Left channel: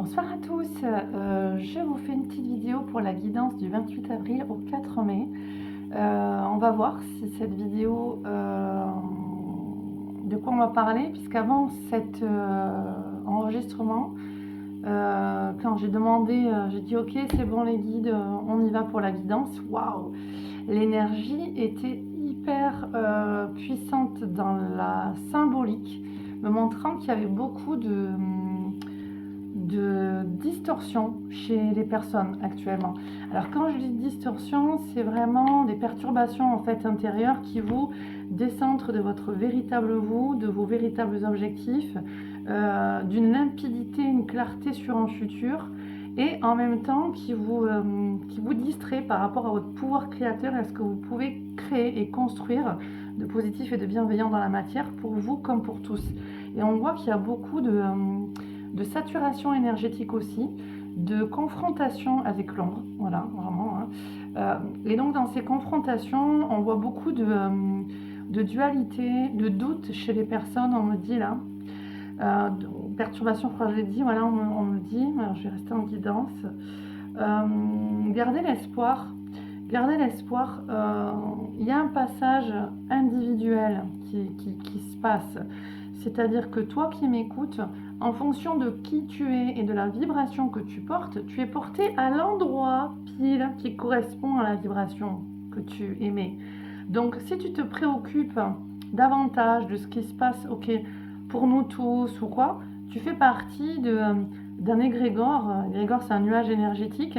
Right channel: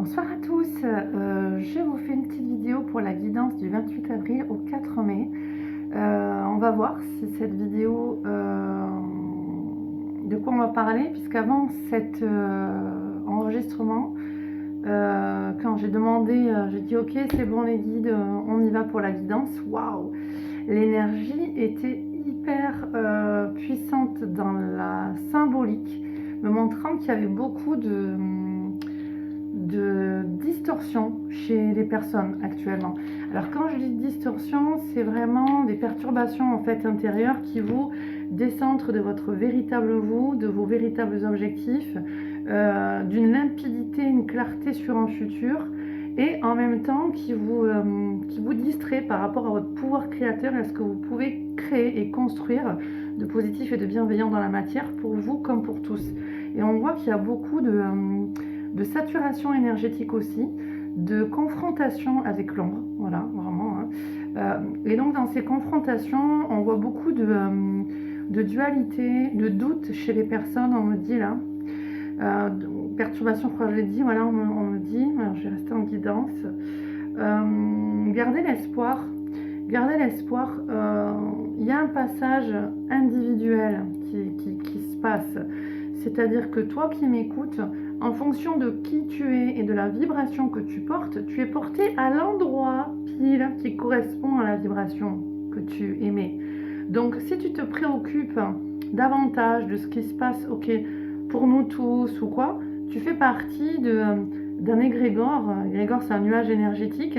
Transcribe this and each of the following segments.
Bonsoir à tous, je vous fais une petite vidéo pour la guidance du 28 avril au 4 mai. On va voir si cette vidéo, de quoi on va parler, puisqu'avant cet enregistrement, quand j'ai demandé, j'ai dit ok c'est bon les guides, on y va pour la guidance. Waouh, l'énergie était hyper puissante dans la symbolique, me montrant qu'il y avait beaucoup de distorsion chez les personnes actuellement. Alors quand je dis distorsion, c'est vraiment des perturbations en fait intérieures qui vous décentrent de votre véritable vous, de vos véritables objectifs, d'une limpidité, une clarté sur un futur, et en même temps qui vous distrait par rapport à votre pouvoir créateur et à ce que vous pouvez créer et construire de positif et de bienveillant dans la matière pour vous comme pour tous. Et on voit qu'il y a beaucoup de saturation énergétique aussi, de confrontation avec l'ombre, voilà, vraiment. Et donc dans ces confrontations, on voit beaucoup de dualité, de doute chez les personnes, on me dit là. Perturbation, je crois que je l'ai dit, voilà, on me dit, alors je vais rester en guidance. Gardez l'espoir. Gardez l'espoir, il y a un passage individuel qui se passe. C'est-à-dire que toi qui m'écoutes, en fonction de qui tu es et de la vibration que tu portes, tu es porté à l'endroit pile qui correspond à la vibration que tu émets. Donc si tu te préoccupes davantage de ce qui se passe, ok, pour nous tous ou quoi, tu fais partie d'un égrégore. L'égrégore, c'est un nuage énergétique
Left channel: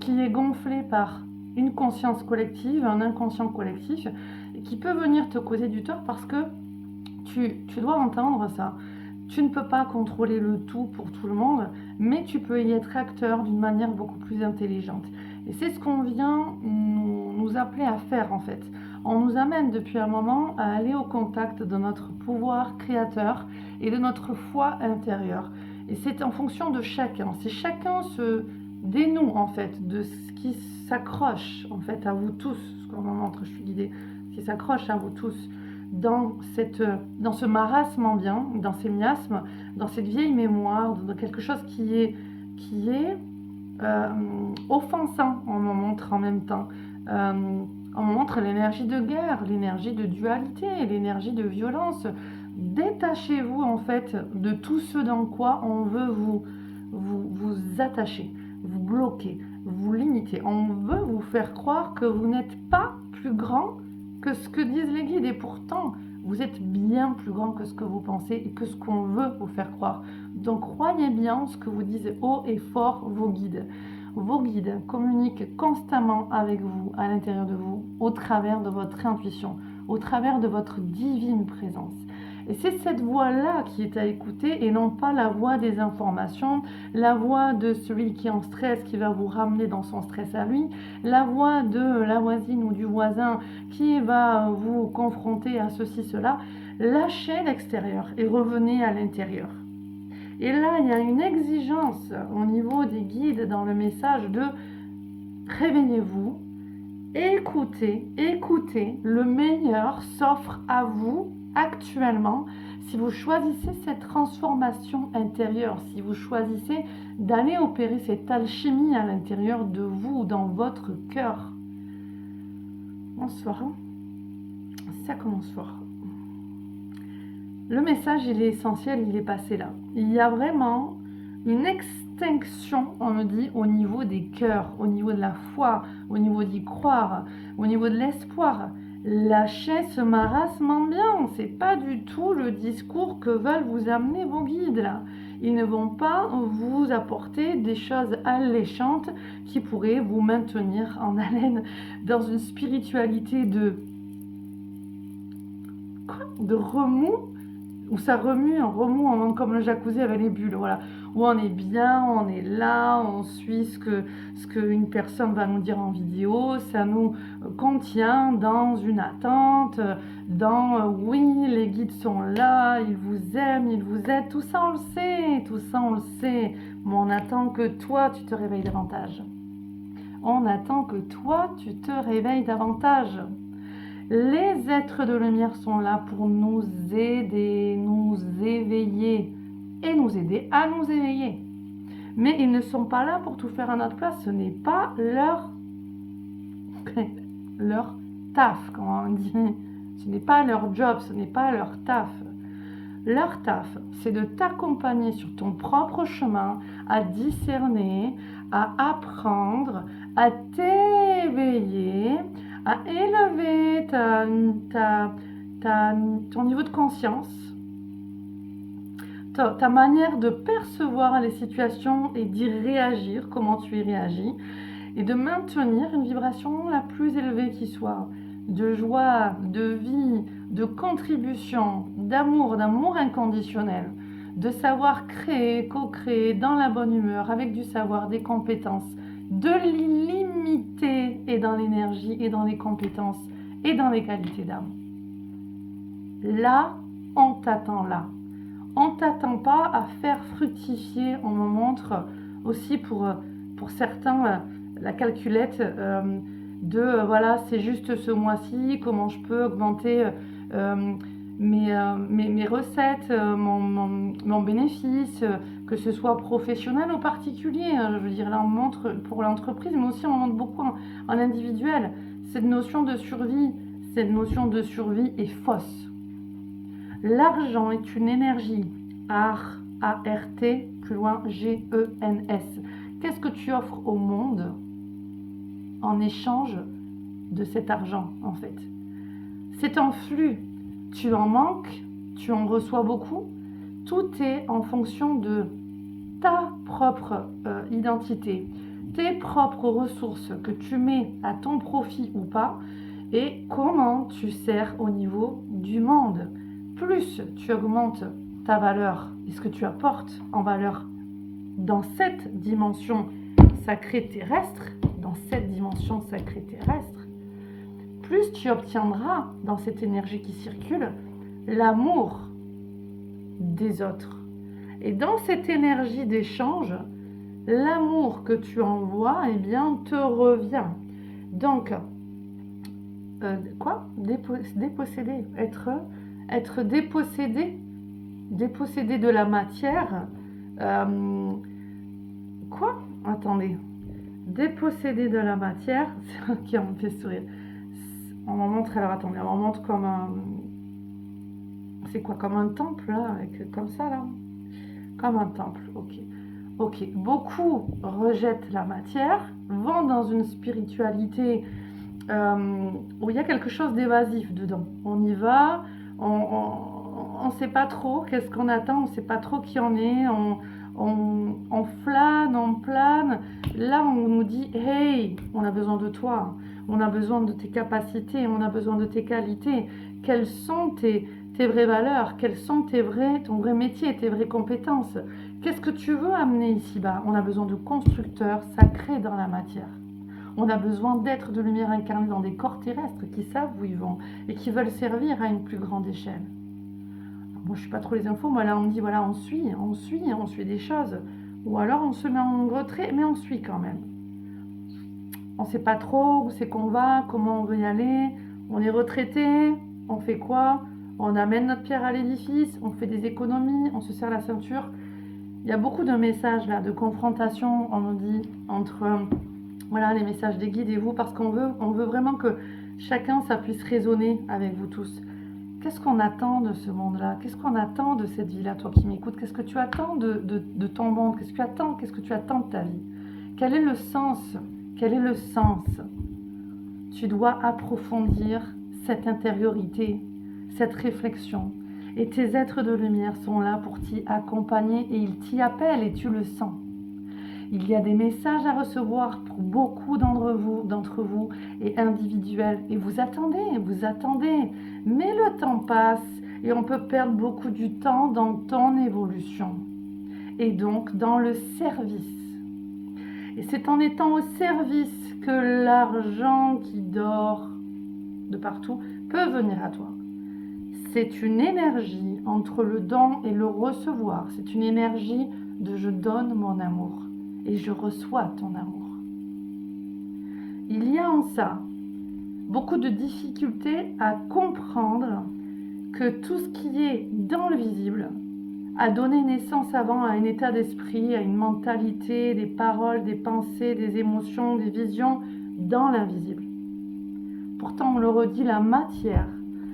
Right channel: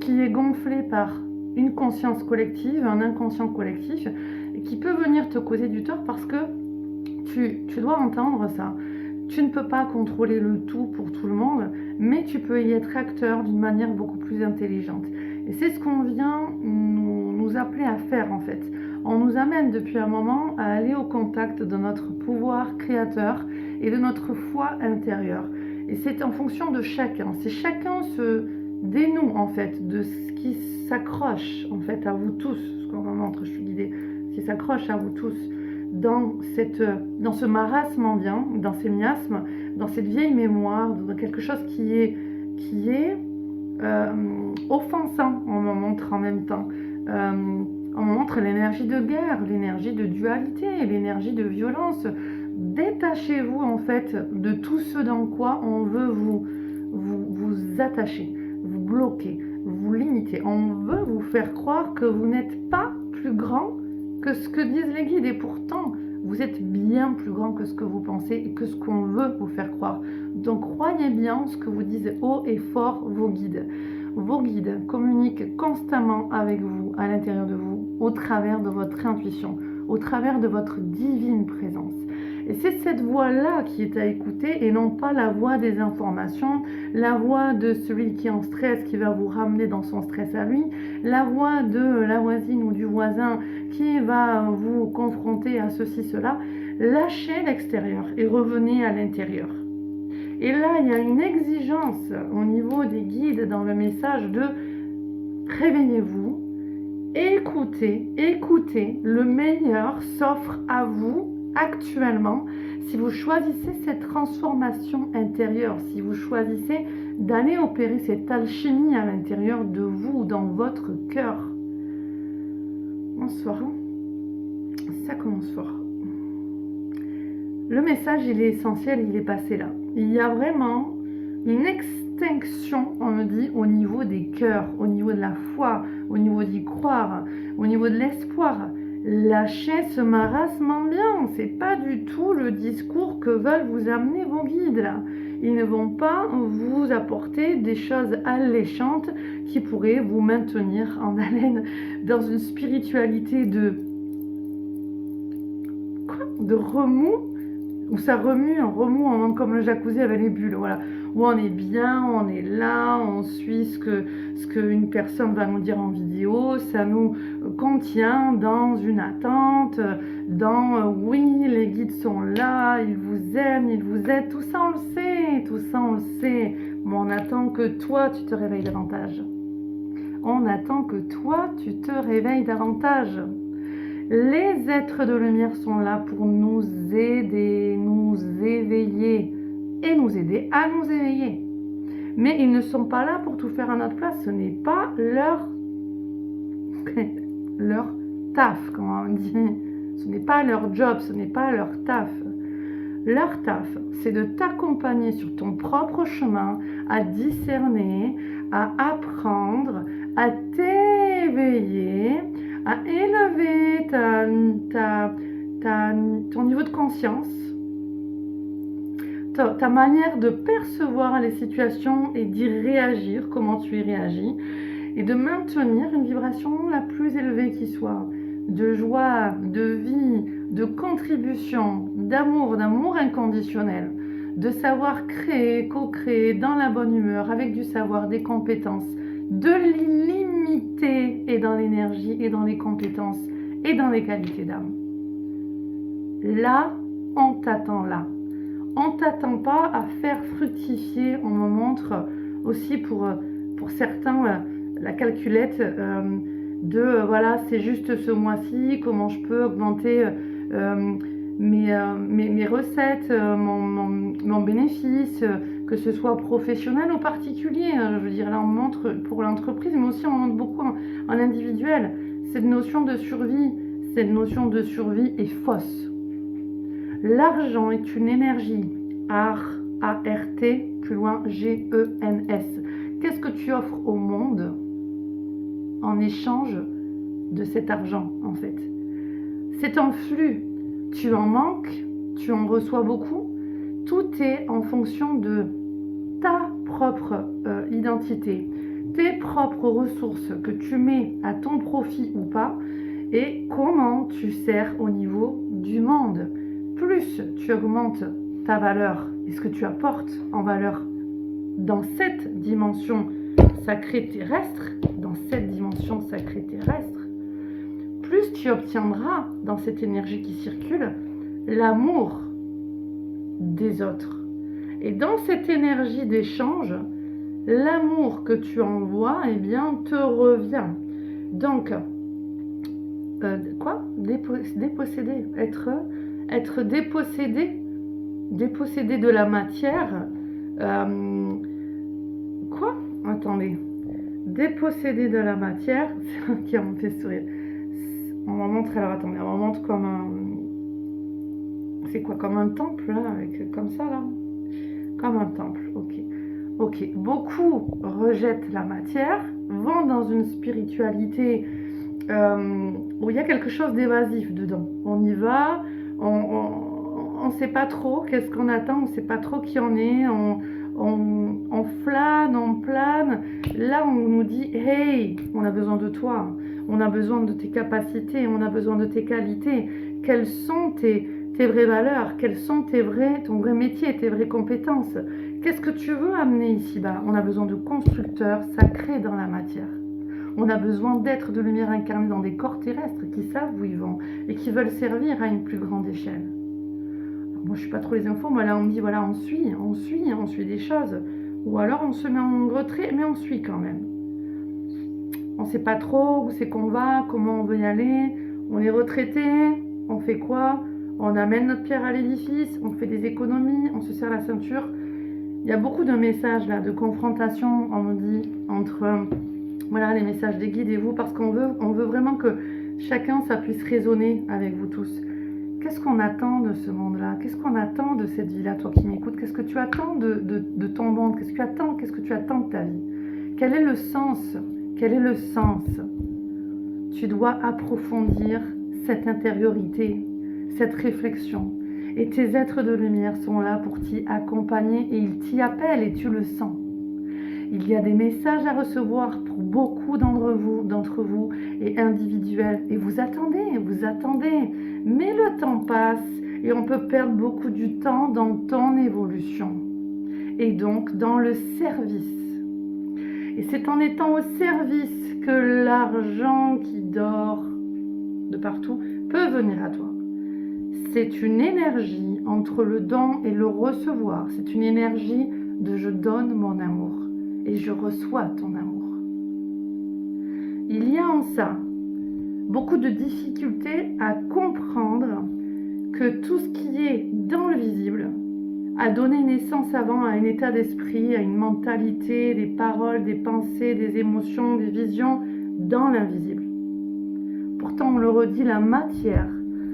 qui est gonflé par une conscience collective, un inconscient collectif, et qui peut venir te causer du tort parce que tu dois entendre ça. Tu ne peux pas contrôler le tout pour tout le monde, mais tu peux y être acteur d'une manière beaucoup plus intelligente. Et c'est ce qu'on vient nous appeler à faire en fait. On nous amène depuis un moment à aller au contact de notre pouvoir créateur et de notre foi intérieure. Et c'est en fonction de chacun. C'est chacun se dénoue en fait de ce qui s'accroche en fait à vous tous. Ce qu'on me montre, je suis guidée, ce qui s'accroche à vous tous dans ce marasme ambiant, dans ces miasmes, dans cette vieille mémoire, dans quelque chose qui est offensant, on me montre en même temps. On me montre l'énergie de guerre, l'énergie de dualité, l'énergie de violence. Détachez-vous en fait de tout ce dans quoi on veut vous attacher, vous bloquer, vous limiter. On veut vous faire croire que vous n'êtes pas plus grand que ce que disent les guides, et pourtant vous êtes bien plus grand que ce que vous pensez et que ce qu'on veut vous faire croire. Donc croyez bien ce que vous disent haut et fort vos guides. Vos guides communiquent constamment avec vous, à l'intérieur de vous, au travers de votre intuition, au travers de votre divine présence. Et c'est cette voix-là qui est à écouter et non pas la voix des informations, la voix de celui qui est en stress, qui va vous ramener dans son stress à lui, la voix de la voisine ou du voisin qui va vous confronter à ceci, cela. Lâchez l'extérieur et revenez à l'intérieur. Et là, il y a une exigence au niveau des guides dans le message de réveillez-vous, écoutez, le meilleur s'offre à vous actuellement. Si vous choisissez cette transformation intérieure, si vous choisissez d'aller opérer cette alchimie à l'intérieur de vous, dans votre cœur. Bonsoir. Ça commence fort. Le message, il est essentiel, il est passé là. Il y a vraiment une extinction, on me dit, au niveau des cœurs, au niveau de la foi, au niveau d'y croire, au niveau de l'espoir. Lâchez ce marasme ambiant, c'est pas du tout le discours que veulent vous amener vos guides là. Ils ne vont pas vous apporter des choses alléchantes qui pourraient vous maintenir en haleine dans une spiritualité de remous, où ça remue, un remous comme le jacuzzi avec les bulles, voilà, où on est bien, on est là, on suit ce qu'une personne va nous dire en vidéo, ça nous contient dans une attente, dans oui, les guides sont là, ils vous aiment, ils vous aident, tout ça on le sait, mais on attend que toi tu te réveilles davantage. On attend que toi tu te réveilles davantage. Les êtres de lumière sont là pour nous aider, nous éveiller et nous aider à nous éveiller. Mais ils ne sont pas là pour tout faire à notre place. Ce n'est pas leur leur taf, comme on dit. Ce n'est pas leur job, ce n'est pas leur taf. Leur taf, c'est de t'accompagner sur ton propre chemin, à discerner, à apprendre, à t'éveiller, à élever ton niveau de conscience, ta manière de percevoir les situations et d'y réagir, comment tu y réagis, et de maintenir une vibration la plus élevée qui soit, de joie, de vie, de contribution, d'amour inconditionnel, de savoir créer, co-créer dans la bonne humeur, avec du savoir, des compétences, de l'illimité et dans l'énergie et dans les compétences et dans les qualités d'âme. Là, on t'attend là. On ne t'attend pas à faire fructifier, on me montre aussi pour certains la calculette voilà, c'est juste ce mois-ci, comment je peux augmenter mes recettes, mon bénéfice, que ce soit professionnel ou particulier. Je veux dire, là on montre pour l'entreprise, mais aussi on montre beaucoup en individuel. Cette notion de survie est fausse. L'argent est une énergie, A-R-T, plus loin G-E-N-S. Qu'est-ce que tu offres au monde en échange de cet argent, en fait? C'est un flux. Tu en manques, tu en reçois beaucoup. Tout est en fonction de ta propre identité, tes propres ressources que tu mets à ton profit ou pas, et comment tu sers au niveau du monde. Plus tu augmentes ta valeur et ce que tu apportes en valeur dans cette dimension sacrée terrestre, plus tu obtiendras dans cette énergie qui circule l'amour des autres. Et dans cette énergie d'échange, l'amour que tu envoies, eh bien, te revient. Donc, déposséder, être dépossédé de la matière. Attendez. Dépossédé de la matière, c'est qui me fait sourire. On m'en montre, alors attendez, on m'en montre comme un... C'est quoi, comme un temple, là, avec, comme ça, là? Comme un temple, ok. Beaucoup rejettent la matière, vont dans une spiritualité où il y a quelque chose d'évasif dedans. On y va, on sait pas trop qu'est-ce qu'on attend, on sait pas trop qui on est, on flâne, on plane. Là, on nous dit, hey, on a besoin de toi, on a besoin de tes capacités, on a besoin de tes qualités. Quelles sont tes vraies valeurs? Quels sont ton vrai métier, tes vraies compétences? Qu'est-ce que tu veux amener ici-bas? On a besoin de constructeurs sacrés dans la matière. On a besoin d'êtres de lumière incarnés dans des corps terrestres qui savent où ils vont et qui veulent servir à une plus grande échelle. Alors, moi, je ne suis pas trop les infos. Moi, là, on me dit, voilà, on suit des choses. Ou alors, on se met en retrait, mais on suit quand même. On ne sait pas trop où c'est qu'on va, comment on veut y aller. On est retraité, on fait quoi? On amène notre pierre à l'édifice, on fait des économies, on se serre la ceinture. Il y a beaucoup de messages là, de confrontation, on nous dit, entre voilà, les messages des guides et vous, parce qu'on veut vraiment que chacun ça puisse résonner avec vous tous. Qu'est-ce qu'on attend de ce monde-là? Qu'est-ce qu'on attend de cette vie-là, toi qui m'écoutes? Qu'est-ce que tu attends de ton monde? Qu'est-ce que tu attends de ta vie? Quel est le sens? Tu dois approfondir cette intériorité, cette réflexion. Et tes êtres de lumière sont là pour t'y accompagner et ils t'y appellent et tu le sens. Il y a des messages à recevoir pour beaucoup d'entre vous et individuels. Et vous attendez. Mais le temps passe et on peut perdre beaucoup du temps dans ton évolution. Et donc dans le service. Et c'est en étant au service que l'argent qui dort de partout peut venir à toi. C'est une énergie entre le don et le recevoir. C'est une énergie de je donne mon amour et je reçois ton amour. Il y a en ça beaucoup de difficultés à comprendre que tout ce qui est dans le visible a donné naissance avant à un état d'esprit, à une mentalité, des paroles, des pensées, des émotions, des visions dans l'invisible. Pourtant, on le redit, la matière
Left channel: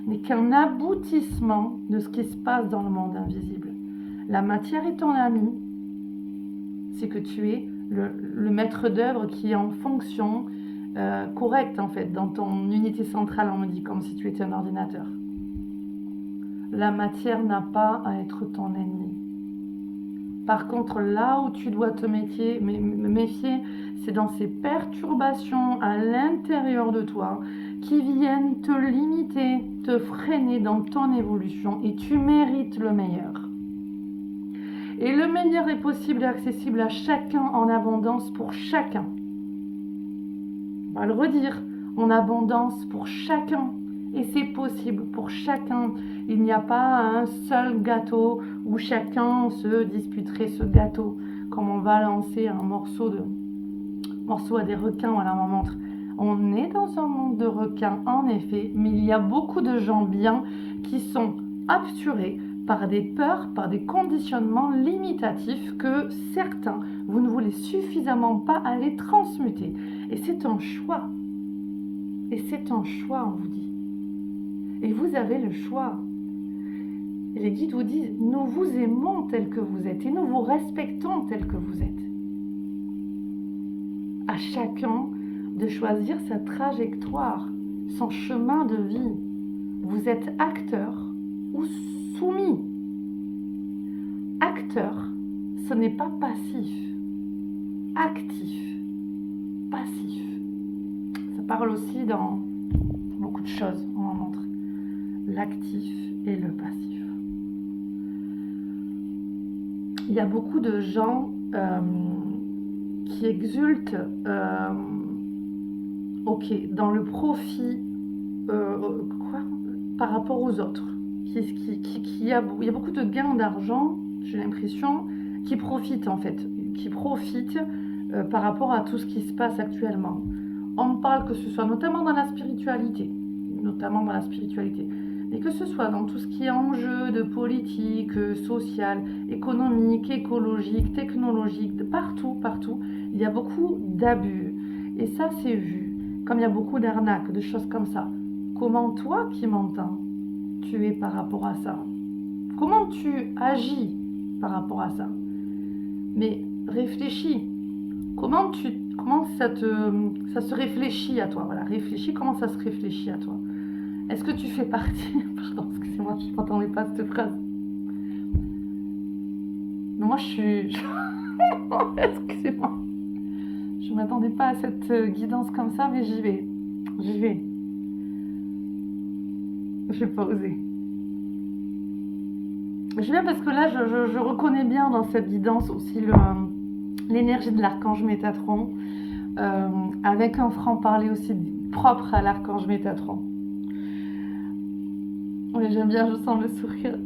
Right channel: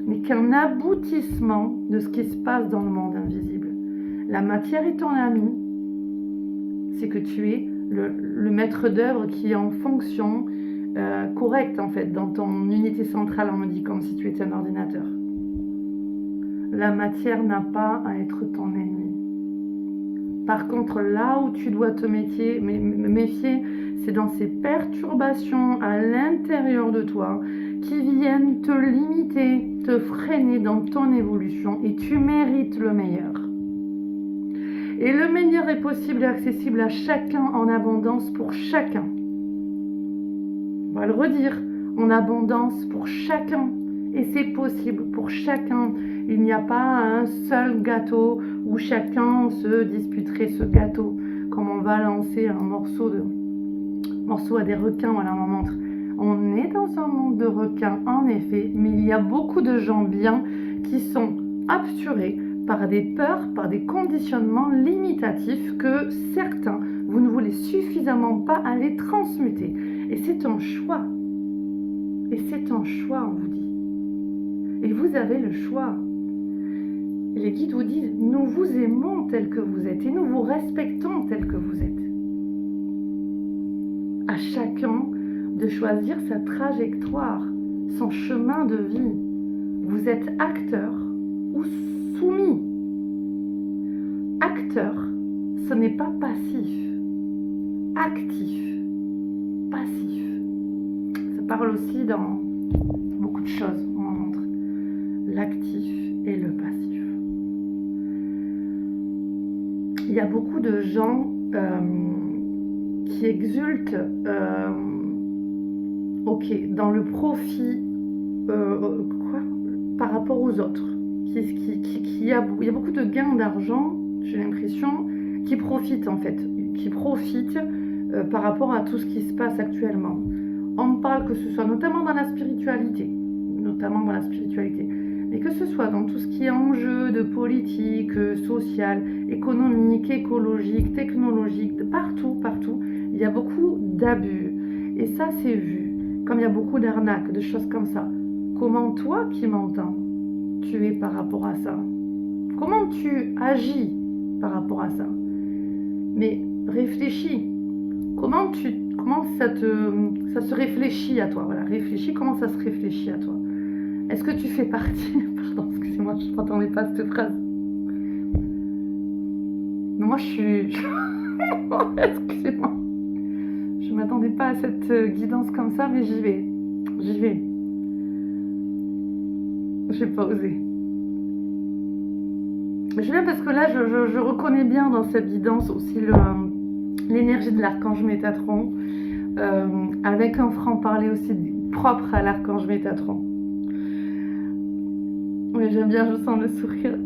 n'est qu'un aboutissement de ce qui se passe dans le monde invisible. La matière est ton ami, c'est que tu es le maître d'œuvre qui est en fonction correcte en fait, dans ton unité centrale, on me dit, comme si tu étais un ordinateur. La matière n'a pas à être ton ennemi. Par contre, là où tu dois te méfier, c'est dans ces perturbations à l'intérieur de toi qui viennent te limiter, te freiner dans ton évolution, et tu mérites le meilleur. Et le meilleur est possible et accessible à chacun en abondance pour chacun. On va le redire, en abondance pour chacun. Et c'est possible pour chacun. Il n'y a pas un seul gâteau où chacun se disputerait ce gâteau. Comme on va lancer un morceau à des requins, voilà, on montre. On est dans un monde de requins, en effet, mais il y a beaucoup de gens bien qui sont absurés par des peurs, par des conditionnements limitatifs que certains, vous ne voulez suffisamment pas aller transmuter. Et c'est un choix. Et c'est un choix, on vous dit. Et vous avez le choix. Les guides vous disent, nous vous aimons tel que vous êtes et nous vous respectons tel que vous êtes. À chacun de choisir sa trajectoire, son chemin de vie. Vous êtes acteur ou soumis. Acteur, ce n'est pas passif. Actif, passif. Ça parle aussi dans beaucoup de choses, on en montre. L'actif et le passif. Il y a beaucoup de gens qui exultent dans le profit par rapport aux autres. Il y a beaucoup de gains d'argent, j'ai l'impression, qui profitent en fait, par rapport à tout ce qui se passe actuellement. On parle que ce soit notamment dans la spiritualité, mais que ce soit dans tout ce qui est enjeu de politique, social, économique, écologique, technologique, partout, il y a beaucoup d'abus. Et ça, c'est vu. Comme il y a beaucoup d'arnaques, de choses comme ça. Comment toi qui m'entends, tu es par rapport à ça? Comment tu agis par rapport à ça? Mais réfléchis. Comment ça se réfléchit à toi? Voilà, réfléchis, comment ça se réfléchit à toi? Est-ce que tu fais partie... Pardon, excusez-moi, je ne m'attendais pas à cette phrase. Mais moi, je suis... Excusez-moi. Je ne m'attendais pas à cette guidance comme ça, mais j'y vais. Je n'ai pas osé. Je viens parce que là, je reconnais bien dans cette guidance aussi l'énergie de l'archange Métatron, avec un franc-parler aussi propre à l'archange Métatron. Oui, j'aime bien, je sens le sourire.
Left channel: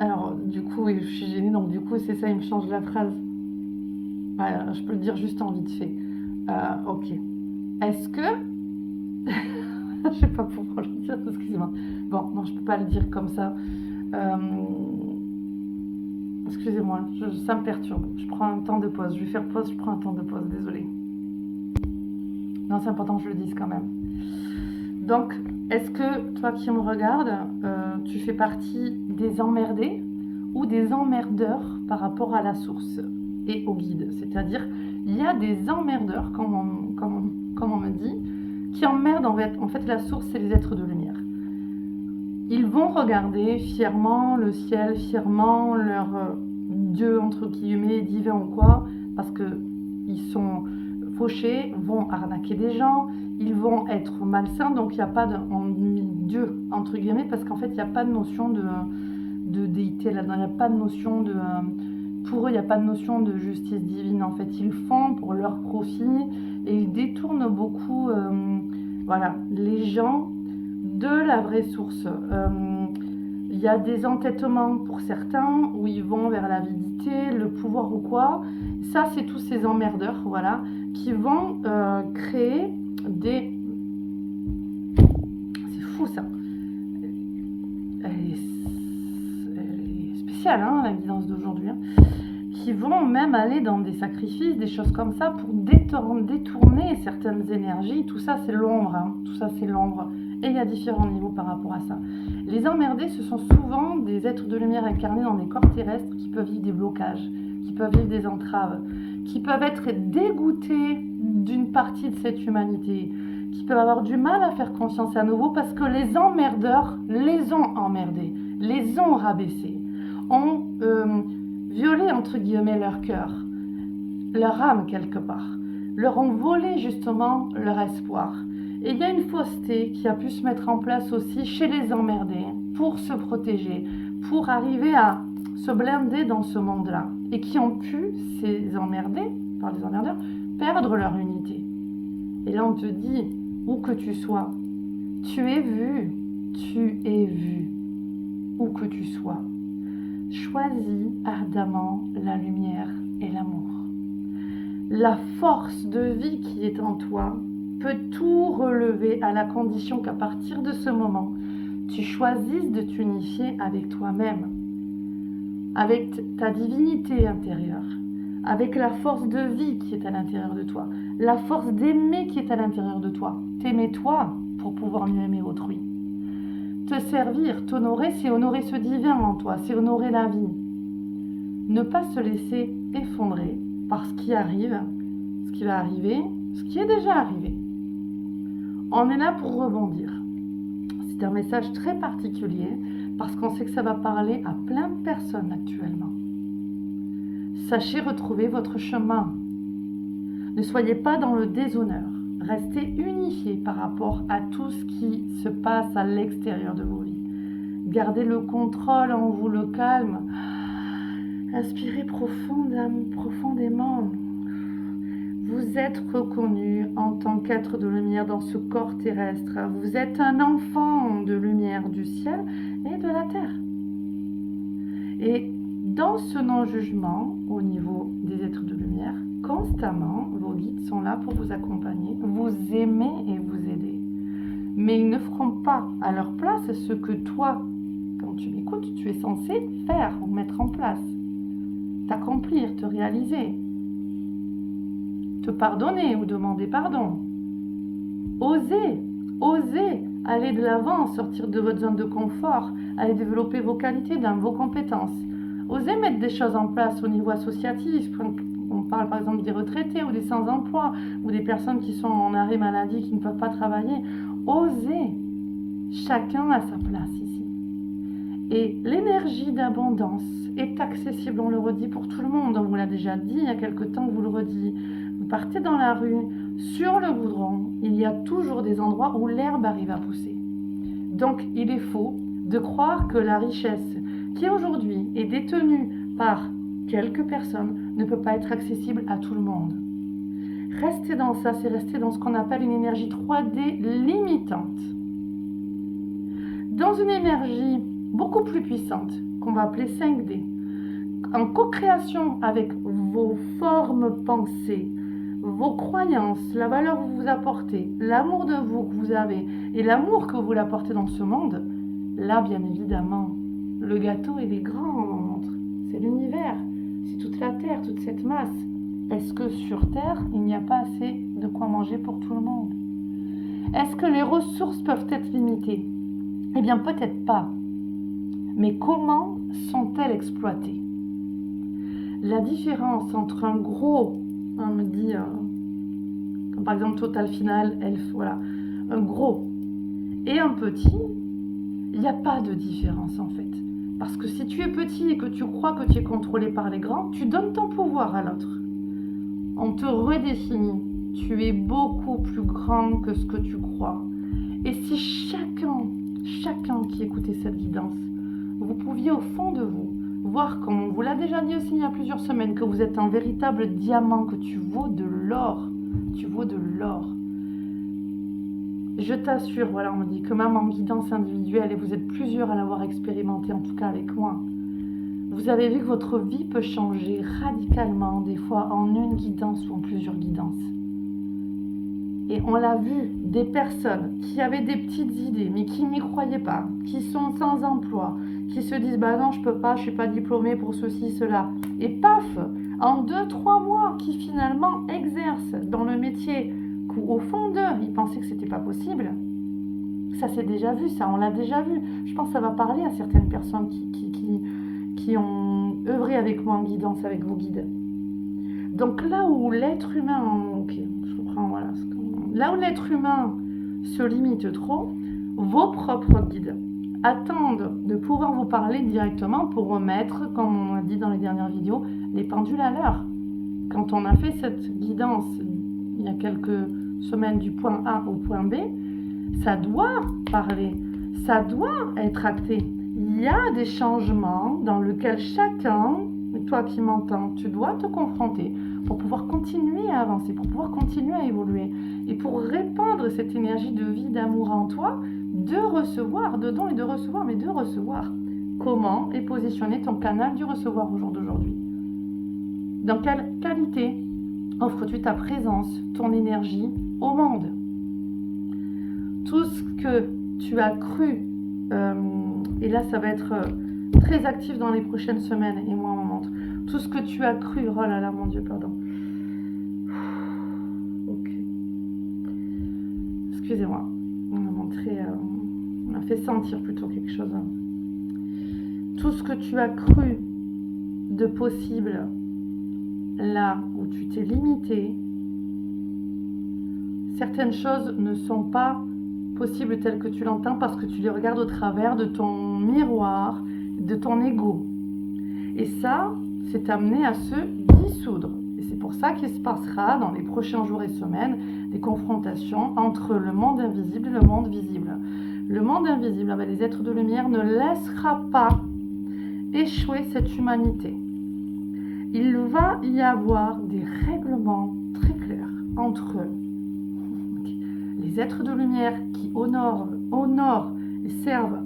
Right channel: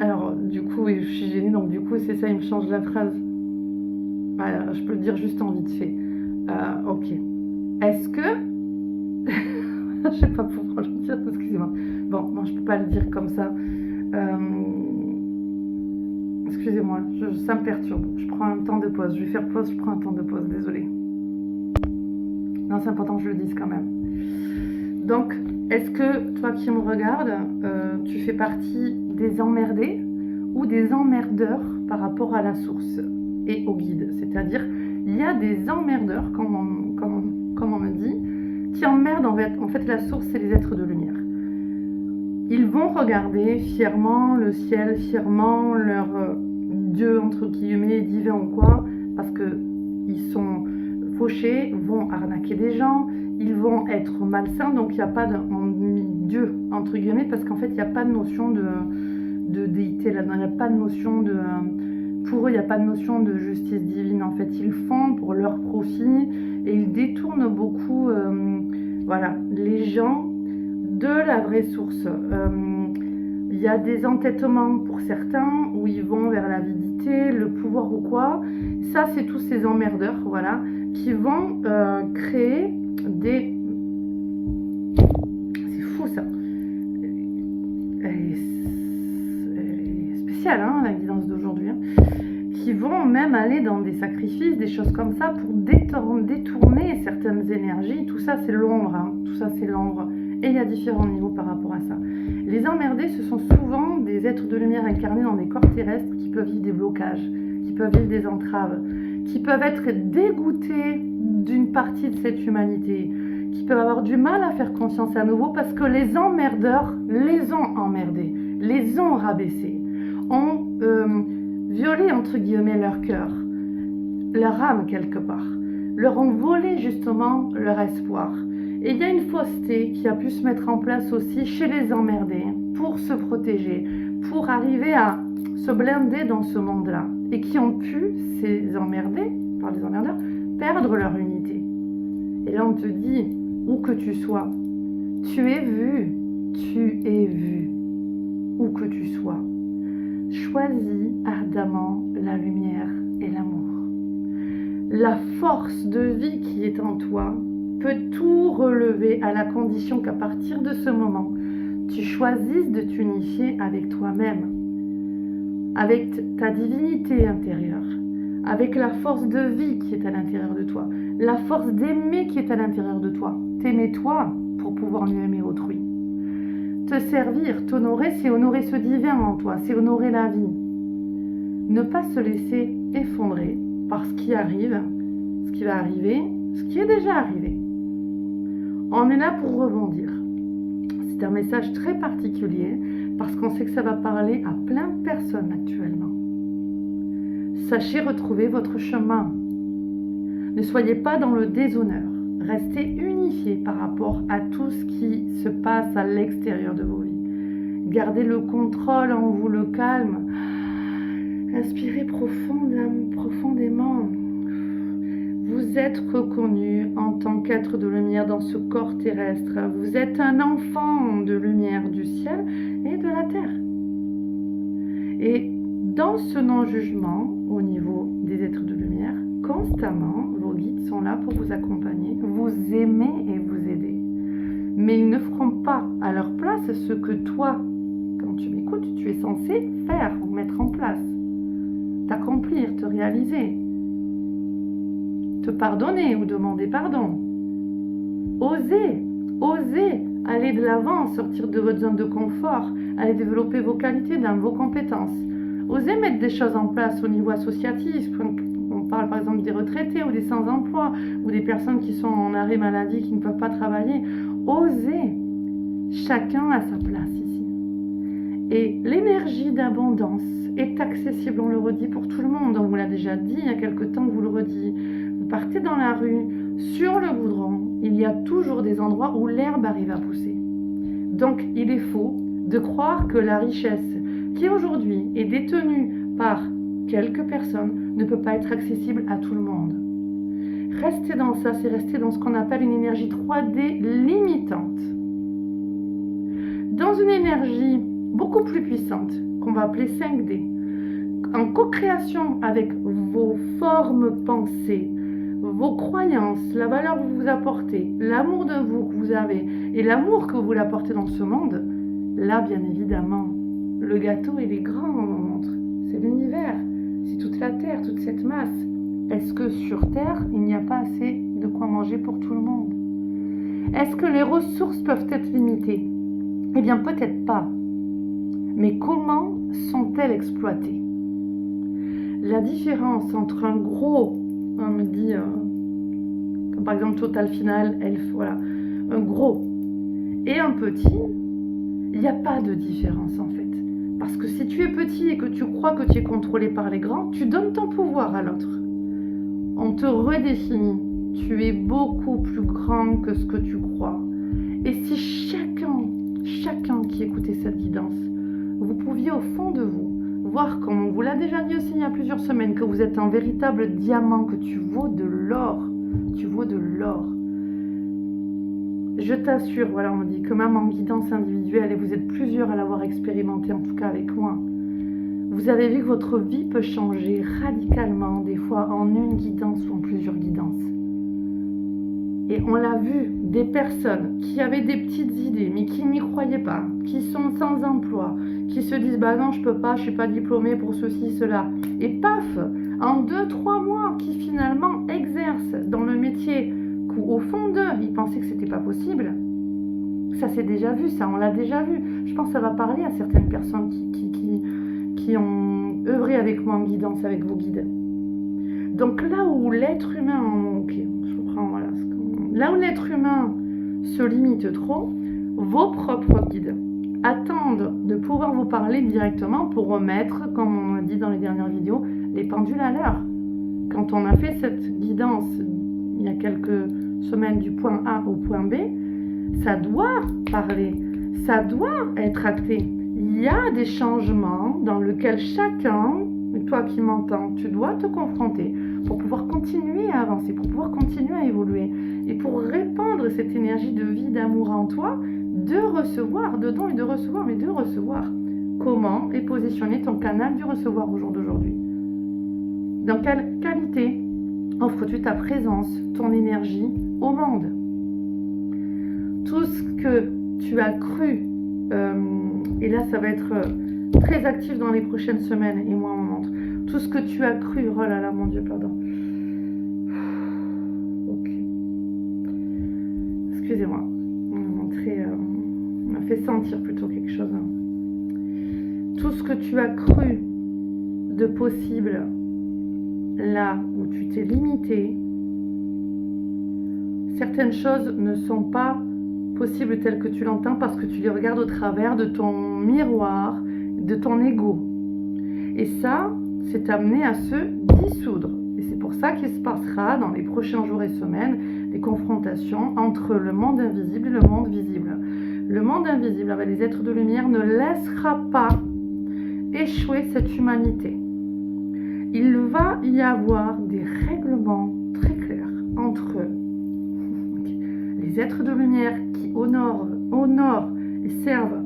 Alors, du coup, oui, je suis gênée, donc du coup, c'est ça, il me change la phrase. Voilà, je peux le dire juste en vite fait. Ok. Est-ce que... je sais pas pourquoi je le dire, excusez-moi. Bon, non, je peux pas le dire comme ça. Excusez-moi, ça me perturbe. Je prends un temps de pause. Je vais faire pause, je prends un temps de pause, désolée. Non, c'est important que je le dise quand même. Donc, est-ce que toi qui me regardes, tu fais partie des emmerdés ou des emmerdeurs par rapport à la source et au guide? C'est-à-dire, il y a des emmerdeurs, comme on me dit, qui emmerdent en fait la source et les êtres de lumière. Ils vont regarder fièrement le ciel, fièrement leur Dieu, entre guillemets, divin ou quoi, parce qu'ils sont fauchés, vont arnaquer des gens, ils vont être malsains, donc il n'y a pas de Dieu, entre guillemets, parce qu'en fait, il n'y a pas de notion de déité là-dedans, il n'y a pas de notion de... pour eux, il n'y a pas de notion de justice divine, en fait. Ils font pour leur profit et ils détournent beaucoup les gens de la vraie source. Il y a des entêtements pour certains où ils vont vers l'avidité, le pouvoir ou quoi. Ça, c'est tous ces emmerdeurs, voilà, qui vont créer des... C'est fou, ça. Et ciel, hein, la guidance d'aujourd'hui, hein, qui vont même aller dans des sacrifices, des choses comme ça, pour détourner certaines énergies. Tout ça, c'est l'ombre, hein, tout ça, c'est l'ombre. Et il y a différents niveaux par rapport à ça. Les emmerdés, ce sont souvent des êtres de lumière incarnés dans des corps terrestres qui peuvent vivre des blocages, qui peuvent vivre des entraves, qui peuvent être dégoûtés d'une partie de cette humanité, qui peuvent avoir du mal à faire conscience à nouveau parce que les emmerdeurs les ont emmerdés, les ont rabaissés, ont violé entre guillemets leur cœur, leur âme quelque part, leur ont volé justement leur espoir. Et il y a une fausseté qui a pu se mettre en place aussi chez les emmerdés pour se protéger, pour arriver à se blinder dans ce monde-là. Et qui ont pu, ces emmerdés, par les emmerdeurs, perdre leur unité. Et là, on te dit, où que tu sois, tu es vu, où que tu sois. Choisis ardemment la lumière et l'amour. La force de vie qui est en toi peut tout relever à la condition qu'à partir de ce moment, tu choisisses de t'unifier avec toi-même, avec ta divinité intérieure, avec la force de vie qui est à l'intérieur de toi, la force d'aimer qui est à l'intérieur de toi. T'aimer toi pour pouvoir mieux aimer autrui. Te servir, t'honorer, c'est honorer ce divin en toi, c'est honorer la vie. Ne pas se laisser effondrer par ce qui arrive, ce qui va arriver, ce qui est déjà arrivé. On est là pour rebondir. C'est un message très particulier parce qu'on sait que ça va parler à plein de personnes actuellement. Sachez retrouver votre chemin. Ne soyez pas dans le déshonneur. Restez unifiés par rapport à tout ce qui se passe à l'extérieur de vos vies. Gardez le contrôle en vous, le calme. Inspirez profondément. Vous êtes reconnu en tant qu'être de lumière dans ce corps terrestre. Vous êtes un enfant de lumière du ciel et de la terre. Et dans ce non-jugement, au niveau des êtres de lumière, constamment, vos guides sont là pour vous accompagner, vous aimer et vous aider. Mais ils ne feront pas à leur place ce que toi, quand tu m'écoutes, tu es censé faire ou mettre en place. T'accomplir, te réaliser. Te pardonner ou demander pardon. Osez aller de l'avant, sortir de votre zone de confort, aller développer vos qualités, dans vos compétences. Osez mettre des choses en place au niveau associatif. On parle par exemple des retraités ou des sans-emploi ou des personnes qui sont en arrêt maladie, qui ne peuvent pas travailler. Osez. Chacun a sa place ici. Et l'énergie d'abondance est accessible, on le redit, pour tout le monde. On vous l'a déjà dit il y a quelque temps, on vous le redit. Vous partez dans la rue, sur le goudron, il y a toujours des endroits où l'herbe arrive à pousser. Donc, il est faux de croire que la richesse qui aujourd'hui est détenue par quelques personnes ne peut pas être accessible à tout le monde. Rester dans ça, c'est rester dans ce qu'on appelle une énergie 3D limitante. Dans une énergie beaucoup plus puissante, qu'on va appeler 5D, en co-création avec vos formes pensées, vos croyances, la valeur que vous apportez, l'amour de vous que vous avez et l'amour que vous voulez apporter dans ce monde, là, bien évidemment, le gâteau, il est grand, on en montre. C'est l'univers, c'est toute la Terre, toute cette masse. Est-ce que sur Terre, il n'y a pas assez de quoi manger pour tout le monde? Est-ce que les ressources peuvent être limitées? Eh bien, peut-être pas. Mais comment sont-elles exploitées? La différence entre un gros, on me dit, comme par exemple Total Final, Elf, voilà, un gros et un petit, il n'y a pas de différence en fait. Parce que si tu es petit et que tu crois que tu es contrôlé par les grands, tu donnes ton pouvoir à l'autre. On te redéfinit. Tu es beaucoup plus grand que ce que tu crois. Et si chacun qui écoutait cette guidance, vous pouviez au fond de vous voir, comme on vous l'a déjà dit aussi il y a plusieurs semaines, que vous êtes un véritable diamant, que tu vaux de l'or. Tu vaux de l'or. Je t'assure, voilà, on me dit que même en guidance individuelle, et vous êtes plusieurs à l'avoir expérimenté, en tout cas avec moi, vous avez vu que votre vie peut changer radicalement, des fois en une guidance ou en plusieurs guidances. Et on l'a vu, des personnes qui avaient des petites idées, mais qui n'y croyaient pas, qui sont sans emploi, qui se disent bah non, je peux pas, je suis pas diplômée pour ceci, cela. Et paf, en 2-3 mois, qui finalement exercent dans le métier qu'au fond d'eux, ils pensaient que c'était pas possible. Ça s'est déjà vu, ça, on l'a déjà vu. Je pense que ça va parler à certaines personnes qui ont œuvré avec moi en guidance, avec vos guides. Donc là où l'être humain, ok, je reprends, voilà. Là où l'être humain se limite trop, vos propres guides attendent de pouvoir vous parler directement pour remettre, comme on a dit dans les dernières vidéos, les pendules à l'heure. Quand on a fait cette guidance il y a quelques semaines du point A au point B, ça doit parler, ça doit être acté. Il y a des changements dans lesquels chacun, toi qui m'entends, tu dois te confronter pour pouvoir continuer à avancer, pour pouvoir continuer à évoluer et pour répandre cette énergie de vie, d'amour en toi, de recevoir, de don et de recevoir, mais de recevoir. Comment est positionné ton canal du recevoir au jour d'aujourd'hui? Dans quelle qualité offres-tu ta présence, ton énergie au monde? Tout ce que tu as cru, et là ça va être très actif dans les prochaines semaines et moi on montre, tout ce que tu as cru, oh là là mon Dieu, pardon. Ok. Excusez-moi, on a montré, on a fait sentir plutôt quelque chose. Tout ce que tu as cru de possible, là où tu t'es limité, certaines choses ne sont pas possibles telles que tu l'entends parce que tu les regardes au travers de ton miroir, de ton ego. Et ça, c'est amené à se dissoudre. Et c'est pour ça qu'il se passera dans les prochains jours et semaines des confrontations entre le monde invisible et le monde visible. Le monde invisible, avec les êtres de lumière, ne laissera pas échouer cette humanité. Il va y avoir des règlements très clairs entre les êtres de lumière qui honorent et servent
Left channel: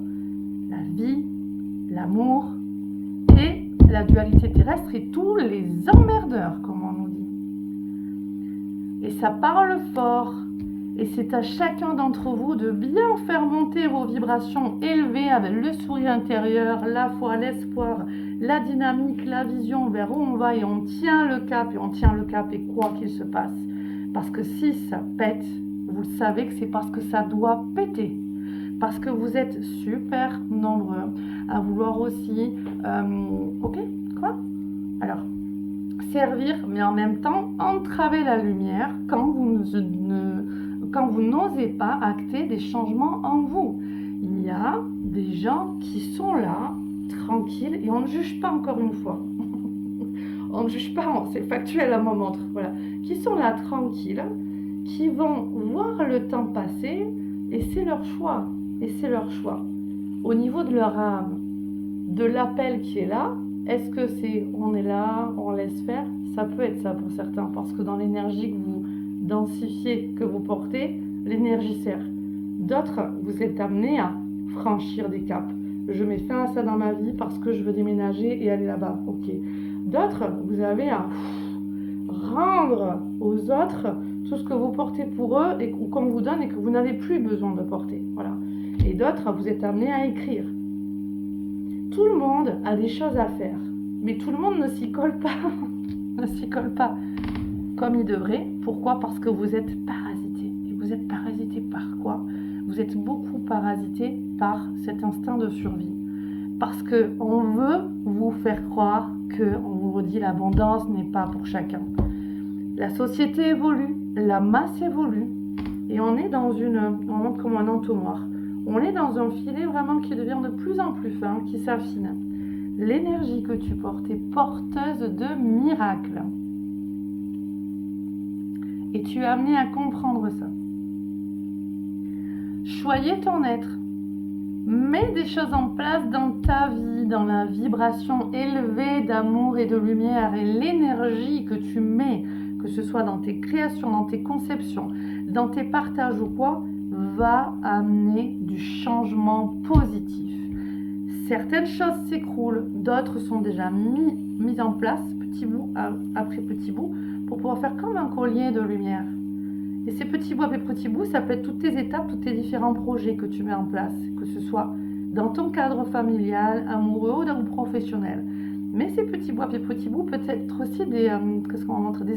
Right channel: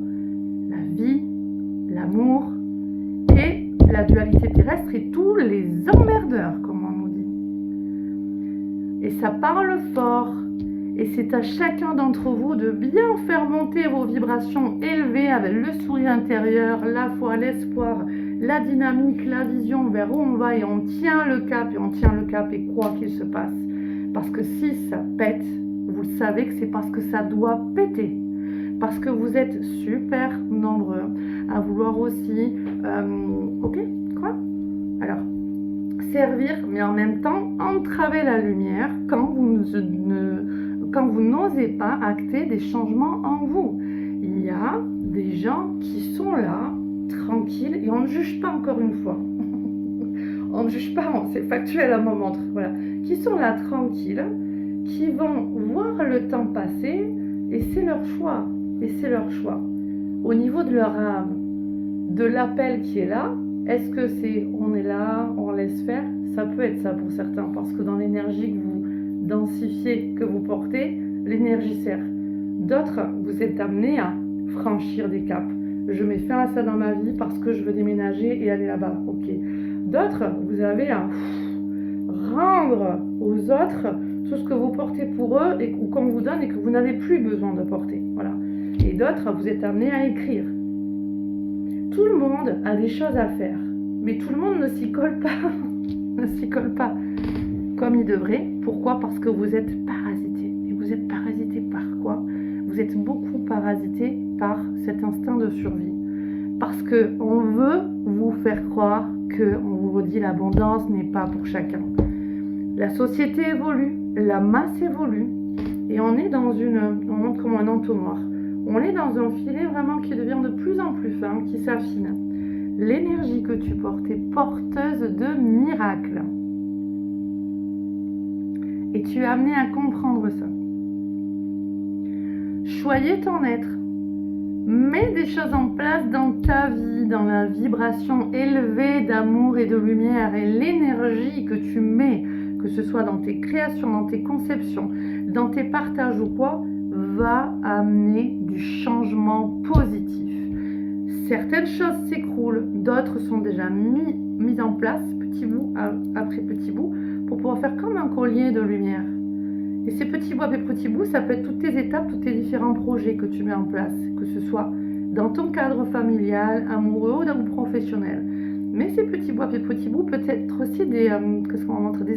la vie, l'amour et la dualité terrestre et tous les emmerdeurs, comme on nous dit. Et ça parle fort. Et c'est à chacun d'entre vous de bien faire monter vos vibrations élevées avec le sourire intérieur, la foi, l'espoir, la dynamique, la vision vers où on va et on tient le cap et quoi qu'il se passe. Parce que si ça pète, vous savez que c'est parce que ça doit péter. Parce que vous êtes super nombreux à vouloir aussi, ok, quoi? Alors, servir, mais en même temps entraver la lumière quand vous n'osez pas acter des changements en vous. Il y a des gens qui sont là, tranquilles, et on ne juge pas encore une fois. On ne juge pas, c'est factuel à mon montre, voilà. Qui sont là, tranquilles, qui vont voir le temps passer, et c'est leur choix. Et c'est leur choix. Au niveau de leur âme, de l'appel qui est là, est-ce que c'est on est là, on laisse faire? Ça peut être ça pour certains, parce que dans l'énergie que vous densifiez, que vous portez, l'énergie sert. D'autres, vous êtes amenés à franchir des caps. Je mets fin à ça dans ma vie parce que je veux déménager et aller là-bas. Ok. D'autres, vous avez à rendre aux autres tout ce que vous portez pour eux ou qu'on vous donne et que vous n'avez plus besoin de porter. Voilà. Et d'autres, vous êtes amenés à écrire. Tout le monde a des choses à faire, mais tout le monde ne s'y colle pas. Ne s'y colle pas comme il devrait. Pourquoi? Parce que vous êtes parasité. Et vous êtes parasité par quoi? Vous êtes beaucoup parasité par cet instinct de survie. Parce qu'on veut vous faire croire qu'on vous redit l'abondance n'est pas pour chacun. La société évolue, la masse évolue, et on est dans on montre comme un entonnoir. On est dans un filet vraiment qui devient de plus en plus fin, qui s'affine. L'énergie que tu portes est porteuse de miracles. Et tu es amené à comprendre ça. Choyez ton être. Mets des choses en place dans ta vie, dans la vibration élevée d'amour et de lumière et l'énergie que tu mets, que ce soit dans tes créations, dans tes conceptions, dans tes partages ou quoi, va amener du changement positif. Certaines choses s'écroulent, d'autres sont déjà mises en place, petit bout après petit bout, pour pouvoir faire comme un collier de lumière. Et ces petits bouts après petits bouts, ça peut être toutes tes étapes, tous tes différents projets que tu mets en place, que ce soit dans ton cadre familial, amoureux ou professionnel. Mais ces petits bouts après petits bouts peut être aussi des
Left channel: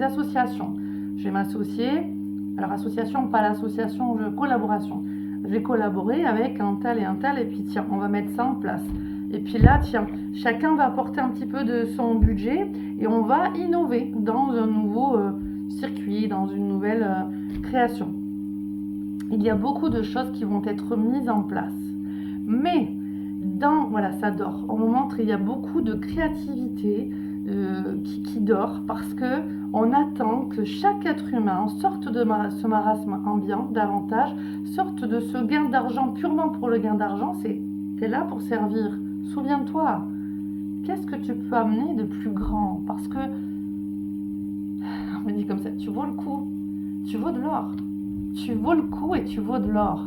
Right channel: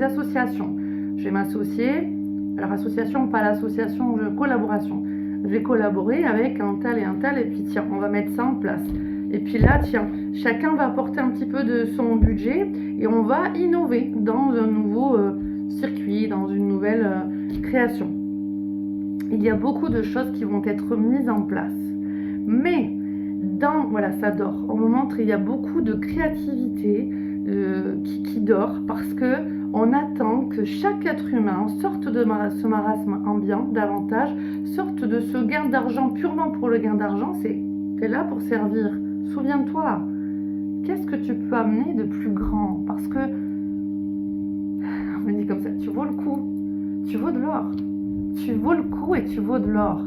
associations. Je vais m'associer, alors association, pas l'association, collaboration. Je vais collaborer avec un tel, et puis tiens, on va mettre ça en place. Et puis là, tiens, chacun va apporter un petit peu de son budget et on va innover dans un nouveau circuit, dans une nouvelle création. Il y a beaucoup de choses qui vont être mises en place. Mais, voilà, ça dort. On me montre qu'il y a beaucoup de créativité qui dort parce que on attend que chaque être humain sorte de ce marasme ambiant davantage, sorte de ce gain d'argent purement pour le gain d'argent. T'es là pour servir. Souviens-toi, qu'est-ce que tu peux amener de plus grand? Parce que, on me dit comme ça, tu vaux le coup, tu vaux de l'or. Tu vaux le coup et tu vaux de l'or.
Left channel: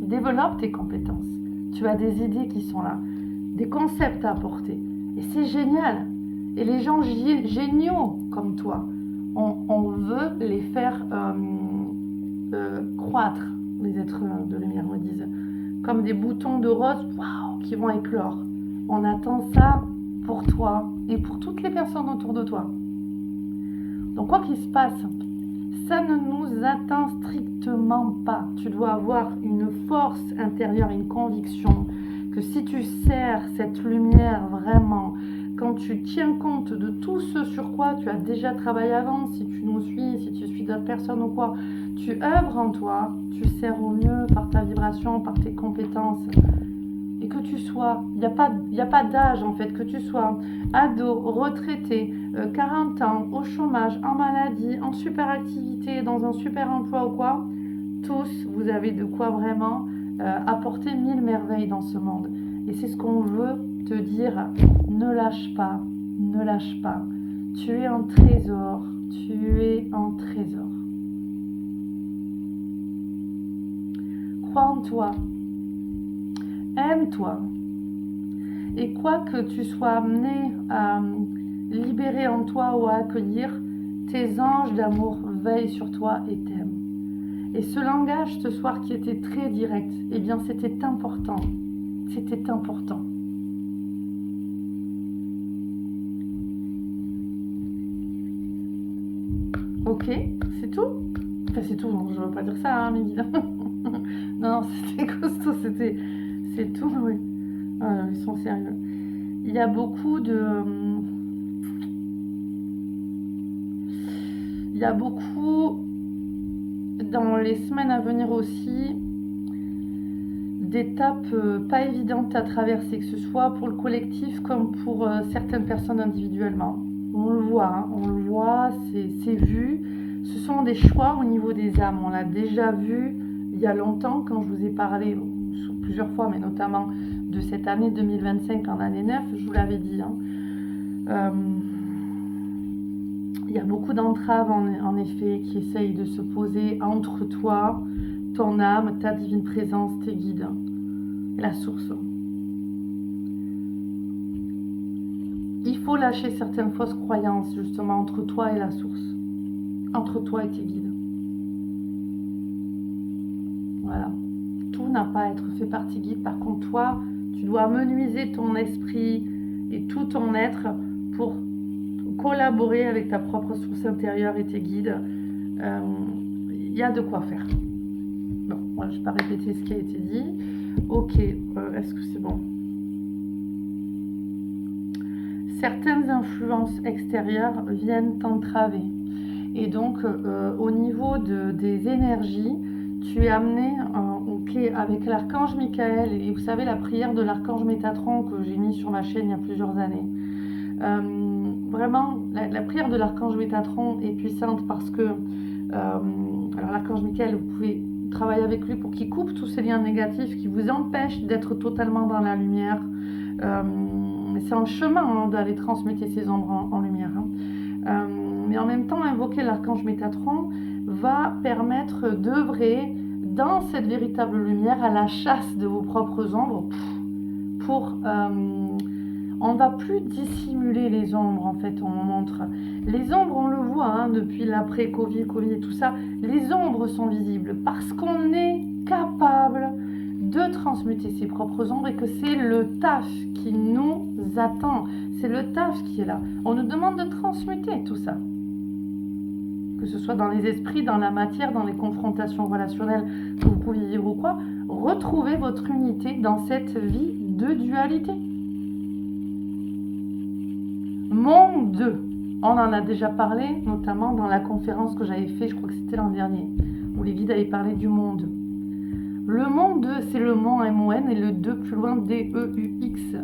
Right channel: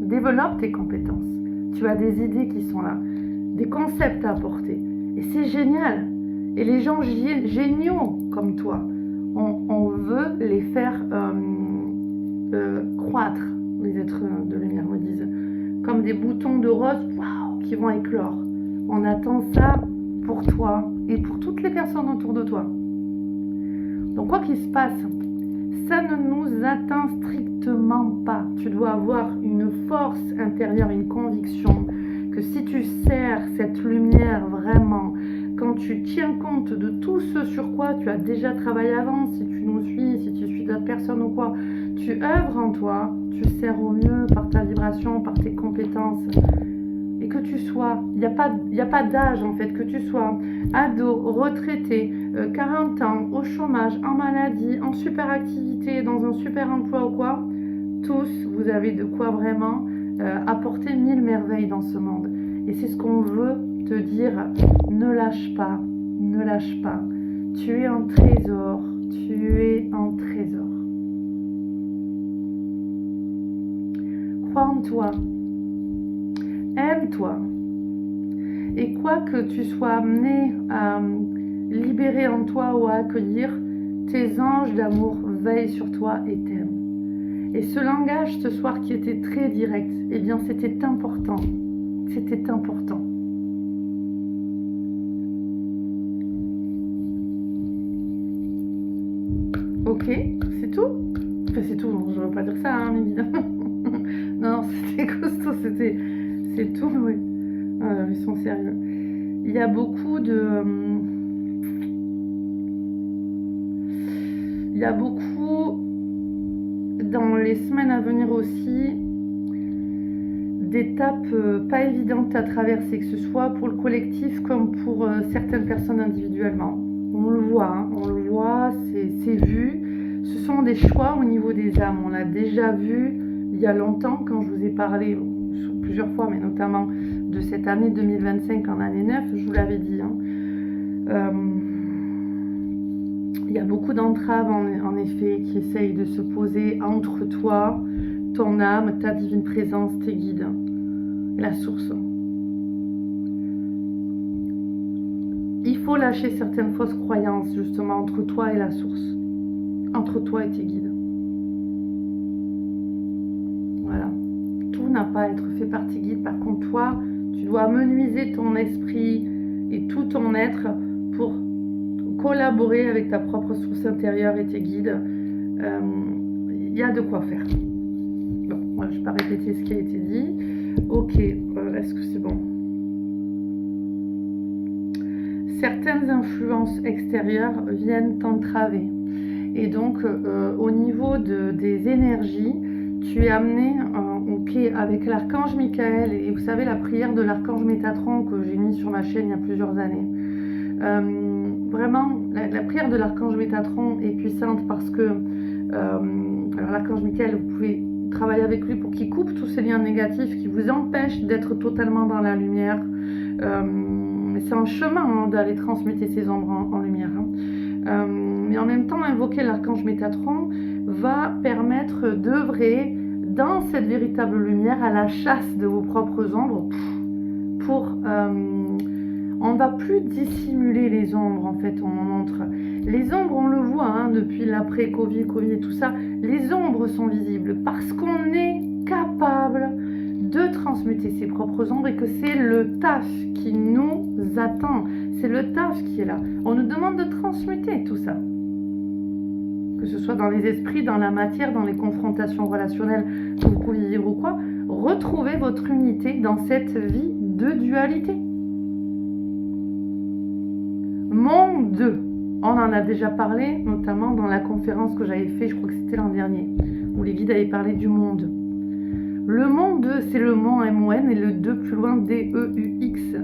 Développe tes compétences. Tu as des idées qui sont là, des concepts à apporter. Et c'est génial. Et les gens géniaux comme toi, on veut les faire croître, les êtres de lumière me disent. Comme des boutons de rose, waouh, qui vont éclore. On attend ça pour toi et pour toutes les personnes autour de toi. Donc quoi qu'il se passe, ça ne nous atteint strictement pas. Tu dois avoir une force intérieure, une conviction que si tu sers cette lumière vraiment, quand tu tiens compte de tout ce sur quoi tu as déjà travaillé avant, si tu nous suis, si tu suis d'autres personnes ou quoi, tu œuvres en toi, tu sers au mieux par ta vibration, par tes compétences. Et que tu sois, il n'y a pas d'âge en fait, que tu sois ado, retraité, 40 ans, au chômage, en maladie, en super activité, dans un super emploi ou quoi, tous, vous avez de quoi vraiment apporter 1000 merveilles dans ce monde. Et c'est ce qu'on veut te dire, ne lâche pas, ne lâche pas. Tu es un trésor, tu es un trésor. Crois en toi. Aime-toi. Et quoi que tu sois amené à libérer en toi ou à accueillir, tes anges d'amour veillent sur toi et t'aiment. Et ce langage ce soir qui était très direct, eh bien c'était important. C'était important. Ok, c'est tout? Enfin c'est tout, non, je ne veux pas dire ça, hein, évidemment. Non, c'était costaud, c'est tout, oui. Ah, ils sont sérieux. Il y a beaucoup de... Il y a beaucoup, dans les semaines à venir aussi, d'étapes pas évidentes à traverser, que ce soit pour le collectif comme pour certaines personnes individuellement. On le voit, c'est vu. Ce sont des choix au niveau des âmes. On l'a déjà vu il y a longtemps quand je vous ai parlé plusieurs fois, mais notamment de cette année 2025 en année 9, je vous l'avais dit. Il y a beaucoup d'entraves en effet qui essayent de se poser entre toi, ton âme, ta divine présence, tes guides, la source. Il faut lâcher certaines fausses croyances justement entre toi et la source, entre toi et tes guides. Voilà. Tout n'a pas à être fait par tes guides. Par contre, toi, tu dois amenuiser ton esprit et tout ton être pour collaborer avec ta propre source intérieure et tes guides. Il y a de quoi faire. Bon, moi, je ne vais pas répéter ce qui a été dit. Ok, est-ce que c'est bon? Certaines influences extérieures viennent t'entraver. Et donc, au niveau des énergies, tu es amené avec l'archange Michael, et vous savez la prière de l'archange Métatron que j'ai mis sur ma chaîne il y a plusieurs années. Vraiment, la prière de l'archange Métatron est puissante parce que alors l'archange Michael, vous pouvez travailler avec lui pour qu'il coupe tous ces liens négatifs qui vous empêchent d'être totalement dans la lumière. C'est un chemin d'aller transmuter ces ombres en lumière. Mais en même temps, invoquer l'archange Métatron va permettre d'œuvrer dans cette véritable lumière à la chasse de vos propres ombres pour On ne va plus dissimuler les ombres, en fait, on en montre. Les ombres, on le voit, hein, depuis l'après-Covid, Covid et tout ça, les ombres sont visibles parce qu'on est capable de transmuter ses propres ombres et que c'est le taf qui nous attend. C'est le taf qui est là. On nous demande de transmuter tout ça. Que ce soit dans les esprits, dans la matière, dans les confrontations relationnelles que vous pouvez vivre ou quoi, retrouvez votre unité dans cette vie de dualité. Monde, on en a déjà parlé, notamment dans la conférence que j'avais fait, je crois que c'était l'an dernier, où les guides avaient parlé du monde. Le monde, c'est le mont M-O-N et le 2 plus loin D-E-U-X.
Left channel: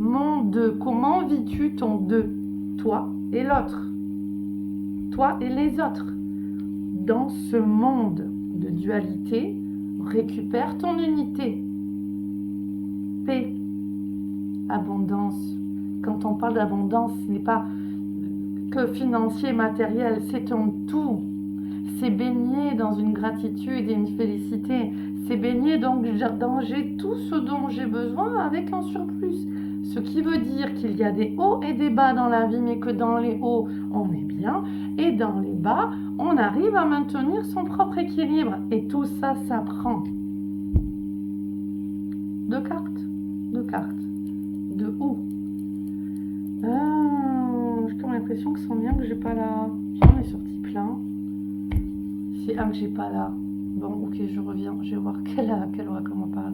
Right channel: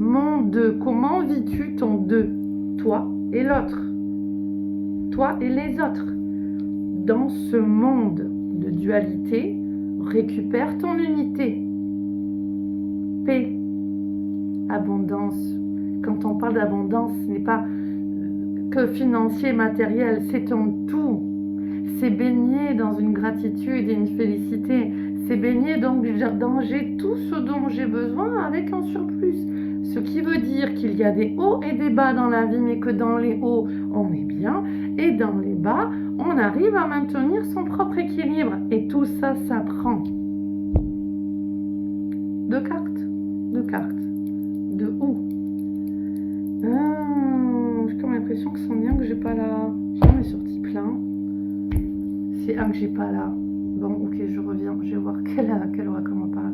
Monde, comment vis-tu ton 2? Toi et l'autre. Toi et les autres. Dans ce monde de dualité, récupère ton unité. Paix, abondance. Quand on parle d'abondance, ce n'est pas que financier, matériel, c'est un tout. C'est baigner dans une gratitude et une félicité. C'est baigner donc dans j'ai tout ce dont j'ai besoin avec un surplus. Ce qui veut dire qu'il y a des hauts et des bas dans la vie, mais que dans les hauts, on est bien. Et dans les bas, on arrive à maintenir son propre équilibre. Et tout ça s'apprend. Deux cartes. De où? J'ai comme l'impression que c'est bien que j'ai pas là. J'en ai sorti plein. C'est un que j'ai pas là. Bon, ok, je reviens. Je vais voir quelle oracle on parle.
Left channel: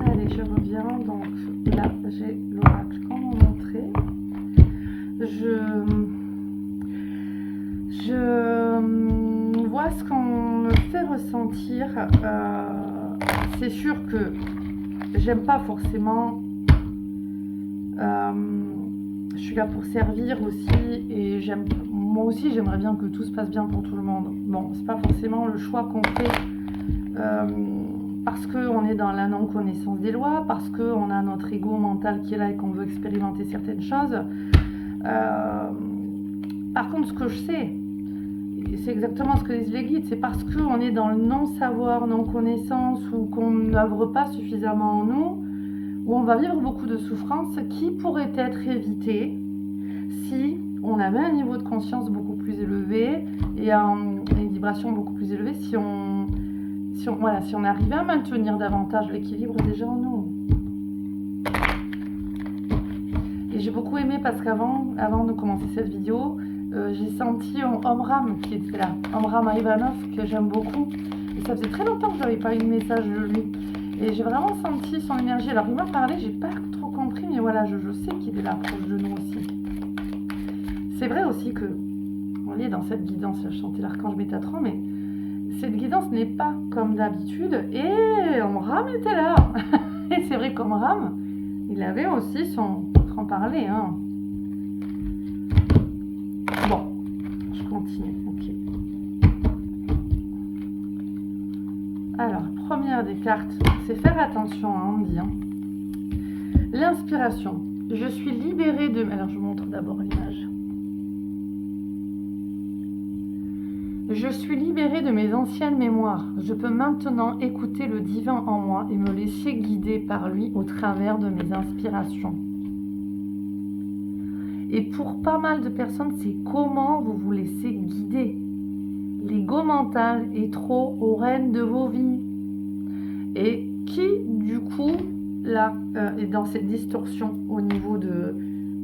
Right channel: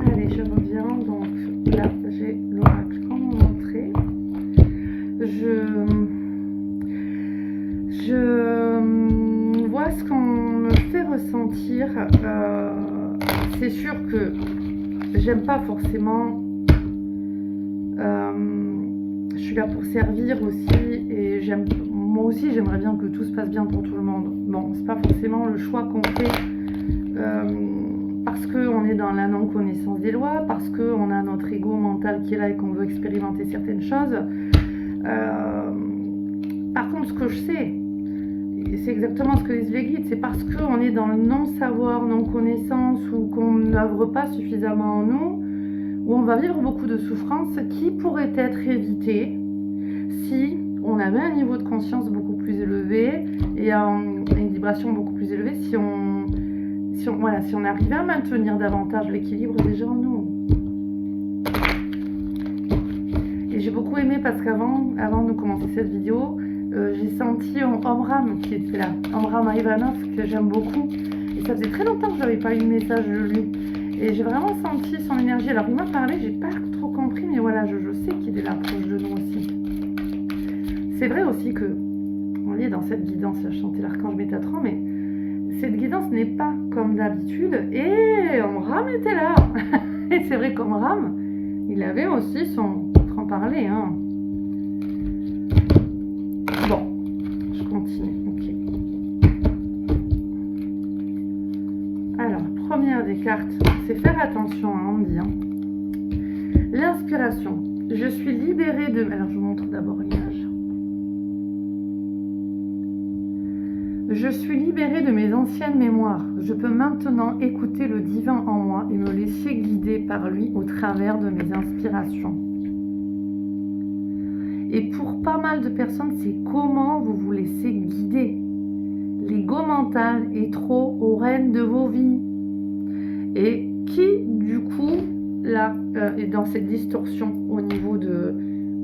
Allez, je reviens. Donc là, j'ai l'oracle qu'on m'a montré. Je vois ce qu'on me fait ressentir. C'est sûr que j'aime pas forcément. Je suis là pour servir aussi et moi aussi j'aimerais bien que tout se passe bien pour tout le monde. Bon, c'est pas forcément le choix qu'on fait parce qu'on est dans la non-connaissance des lois, parce qu'on a notre ego mental qui est là et qu'on veut expérimenter certaines choses. Par contre, ce que je sais, et c'est exactement ce que disent les guides, c'est parce qu'on est dans le non-savoir, non-connaissance ou qu'on n'œuvre pas suffisamment en nous, où on va vivre beaucoup de souffrances qui pourraient être évitées si on avait un niveau de conscience beaucoup plus élevé et une vibration beaucoup plus élevée, si on arrivait à maintenir davantage l'équilibre déjà en nous. Et j'ai beaucoup aimé parce qu'avant de commencer cette vidéo, j'ai senti Omram qui était là, Omram Ivanov, que j'aime beaucoup. Et ça faisait très longtemps que je n'avais pas eu de message de lui. Et j'ai vraiment senti son énergie. Alors il m'a parlé, j'ai pas trop compris, mais voilà, je sais qu'il est là proche de nous aussi. C'est vrai aussi que on est dans cette guidance, là, je chantais l'archange Métatron, mais cette guidance n'est pas comme d'habitude. Et Omram était là. Et c'est vrai qu'Omram, il avait aussi son franc-parler. Hein. Bon, je continue. Ok. Alors, première des cartes, c'est faire attention à Andy. Hein. L'inspiration. Je suis libérée de... Alors, je vous montre d'abord l'image. Je suis libérée de mes anciennes mémoires. Je peux maintenant écouter le divin en moi et me laisser guider par lui au travers de mes inspirations. Et pour pas mal de personnes, c'est comment vous vous laissez guider. L'ego mental est trop aux rênes de vos vies. Et qui, du coup, là, est dans cette distorsion au niveau de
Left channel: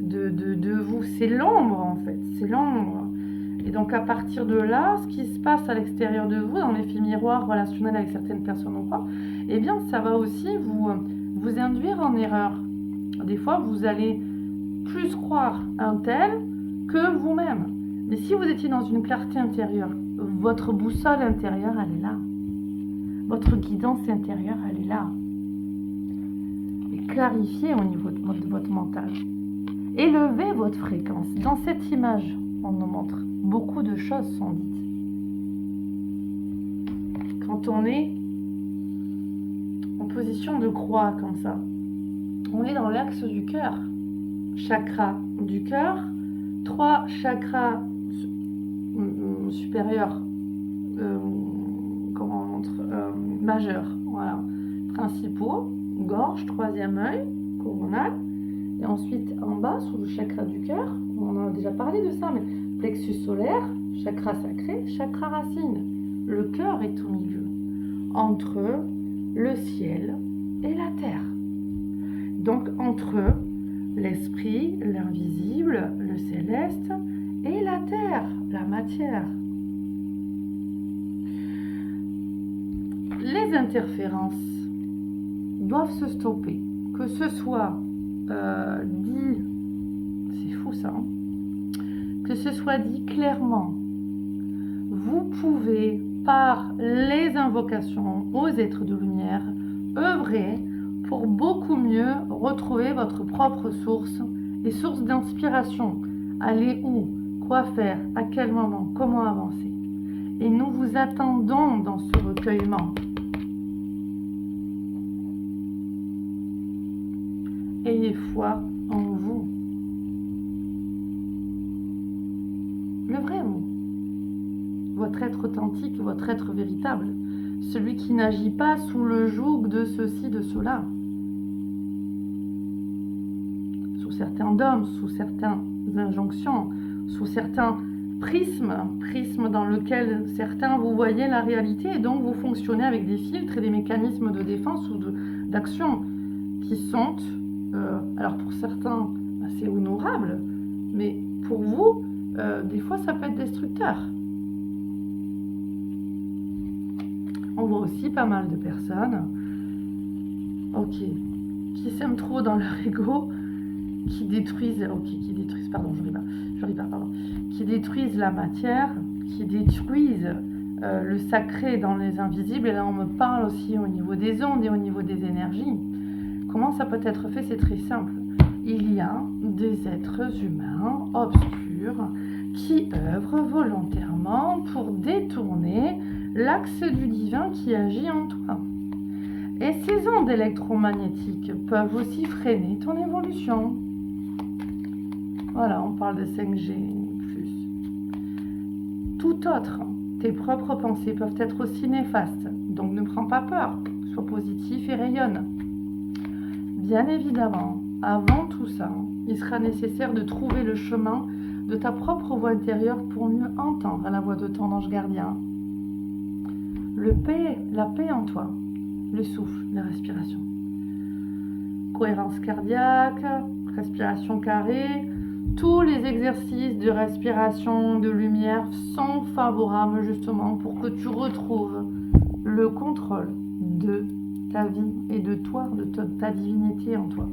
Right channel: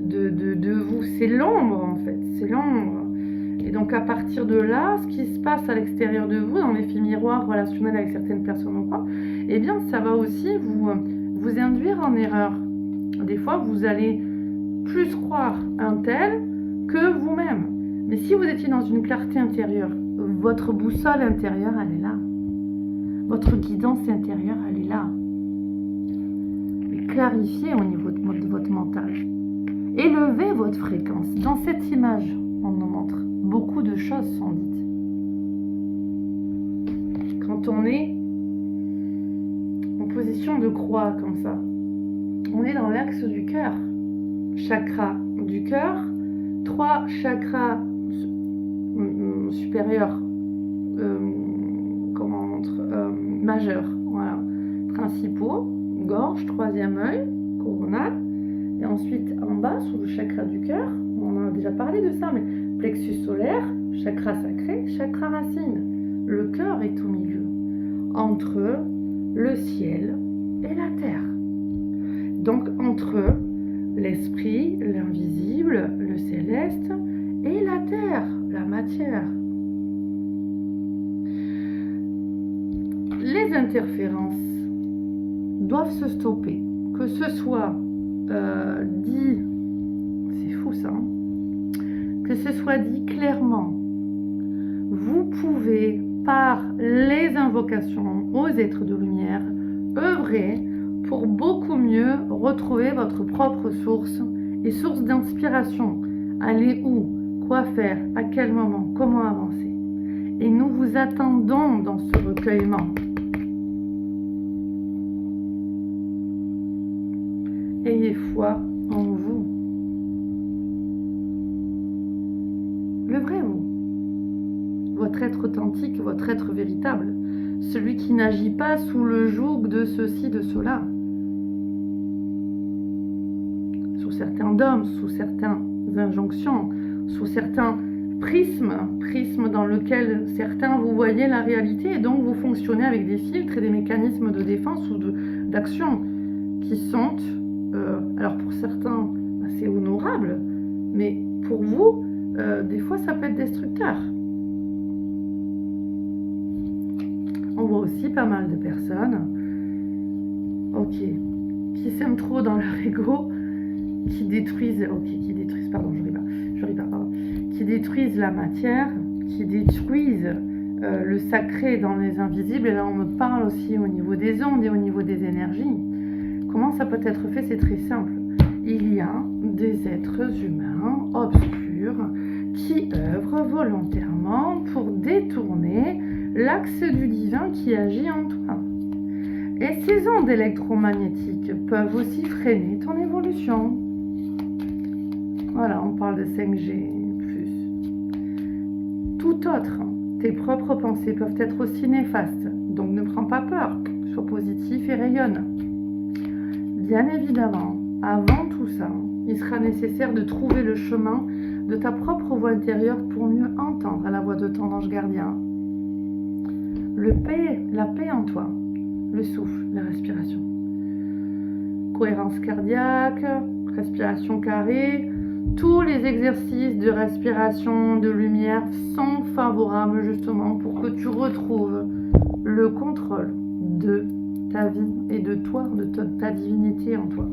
vous? C'est l'ombre, en fait. C'est l'ombre. Et donc, à partir de là, ce qui se passe à l'extérieur de vous, dans l'effet miroir relationnel avec certaines personnes ou quoi, eh bien, ça va aussi vous induire en erreur. Des fois, vous allez plus croire un tel que vous-même. Mais si vous étiez dans une clarté intérieure, votre boussole intérieure, elle est là. Votre guidance intérieure, elle est là. Et clarifiez au niveau de votre mental. Élevez votre fréquence. Dans cette image, on nous montre, beaucoup de choses sont dites. Quand on est en position de croix comme ça, on est dans l'axe du cœur. Chakra du cœur, 3 chakras supérieurs, comment on montre, majeurs, voilà, principaux, gorge, 3e œil, coronal, Et ensuite, en bas, sous le chakra du cœur, on en a déjà parlé de ça, mais plexus solaire, chakra sacré, chakra racine. Le cœur est au milieu, entre le ciel et la terre. Donc, entre l'esprit, l'invisible, le céleste et la terre, la matière. Les interférences doivent se stopper, que ce soit dit, c'est fou ça, hein, que ce soit dit clairement. Vous pouvez, par les invocations aux êtres de lumière, œuvrer pour beaucoup mieux retrouver votre propre source et source d'inspiration. Aller où, quoi faire, à quel moment, comment avancer. Et nous vous attendons dans ce recueillement. Ayez foi en vous. Le vrai vous. Votre être authentique, votre être véritable. Celui qui n'agit pas sous le joug de ceci, de cela. Sous certains dogmes, sous certaines injonctions, sous certains prismes dans lesquels certains vous voyez la réalité et donc vous fonctionnez avec des filtres et des mécanismes de défense ou d'action qui sont, alors pour certains, assez honorables, mais pour vous, des fois ça peut être destructeur. On voit aussi pas mal de personnes, qui s'aiment trop dans leur ego, qui détruisent la matière, qui détruisent le sacré dans les invisibles. Et là, on me parle aussi au niveau des ondes et au niveau des énergies. Comment ça peut être fait? C'est très simple. Il y a des êtres humains obscurs qui œuvrent volontairement pour détourner l'axe du divin qui agit en toi. Et ces ondes électromagnétiques peuvent aussi freiner ton évolution. Voilà, on parle de 5G+. Tout autre, tes propres pensées peuvent être aussi néfastes. Donc ne prends pas peur, sois positif et rayonne. Bien évidemment, avant tout ça, il sera nécessaire de trouver le chemin de ta propre voix intérieure pour mieux entendre la voix de ton ange gardien. La paix en toi, le souffle, la respiration. Cohérence cardiaque, respiration carrée, tous les exercices de respiration, de lumière sont favorables justement pour que tu retrouves le contrôle de ta vie et de toi, de ta divinité en toi,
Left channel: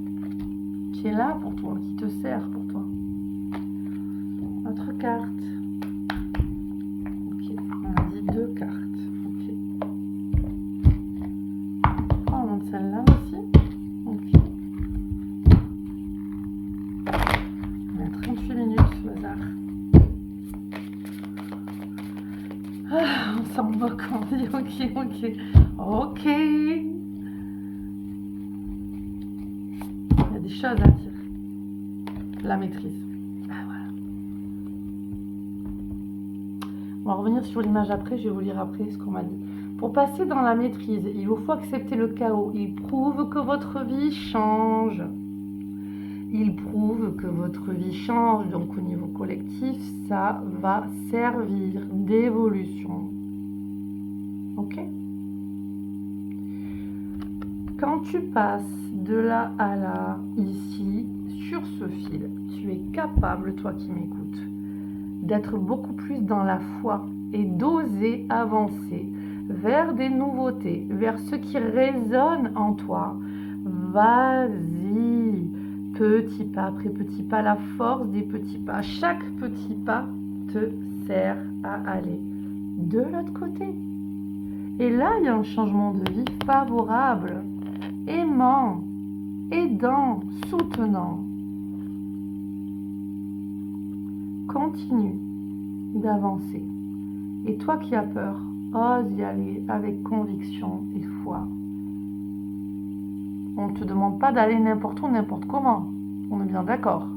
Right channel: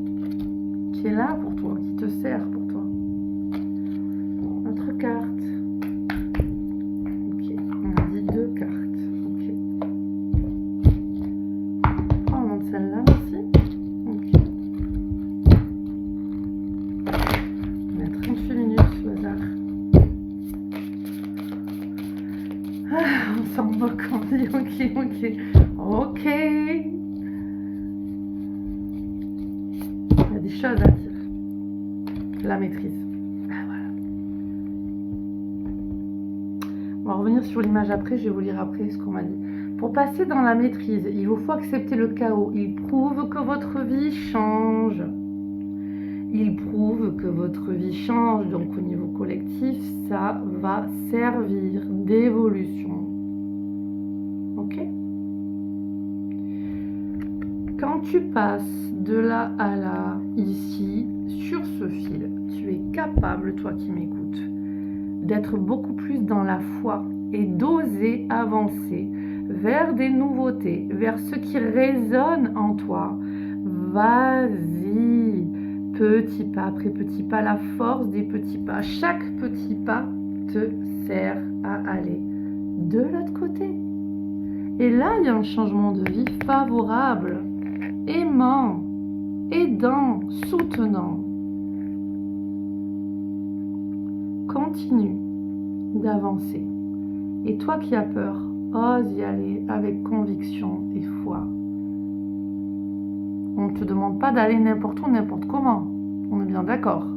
qui est là pour toi, qui te sert pour toi. Notre carte. Ok, on a dit 2 cartes. Ok. On monte celle-là aussi. Ok. On est à 38 minutes au hasard. Ah, on s'en moque, on dit ok. Il y a des choses à dire. La maîtrise. Ah, voilà. On va revenir sur l'image après, je vais vous lire après ce qu'on m'a dit. Pour passer dans la maîtrise, il vous faut accepter le chaos. Il prouve que votre vie change. Il prouve que votre vie change, donc au niveau collectif, ça va servir d'évolution. Ok? Quand tu passes de là à là, ici, sur ce fil, tu es capable, toi qui m'écoutes, d'être beaucoup plus dans la foi et d'oser avancer vers des nouveautés, vers ce qui résonne en toi. Vas-y! Petit pas après petit pas, la force des petits pas. Chaque petit pas te sert à aller de l'autre côté. Et là, il y a un changement de vie favorable, aimant, aidant, soutenant. Continue d'avancer. Et toi qui as peur, ose y aller avec conviction et foi. On ne te demande pas d'aller n'importe où, n'importe comment. On est bien d'accord.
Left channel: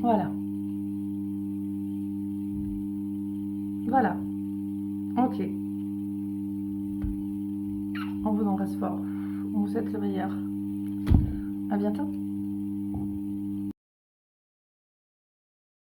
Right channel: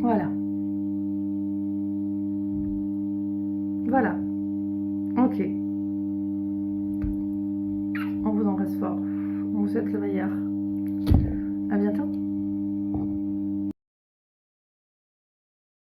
Voilà. Voilà. Ok. On vous embrasse fort. On vous souhaite le meilleur. À bientôt.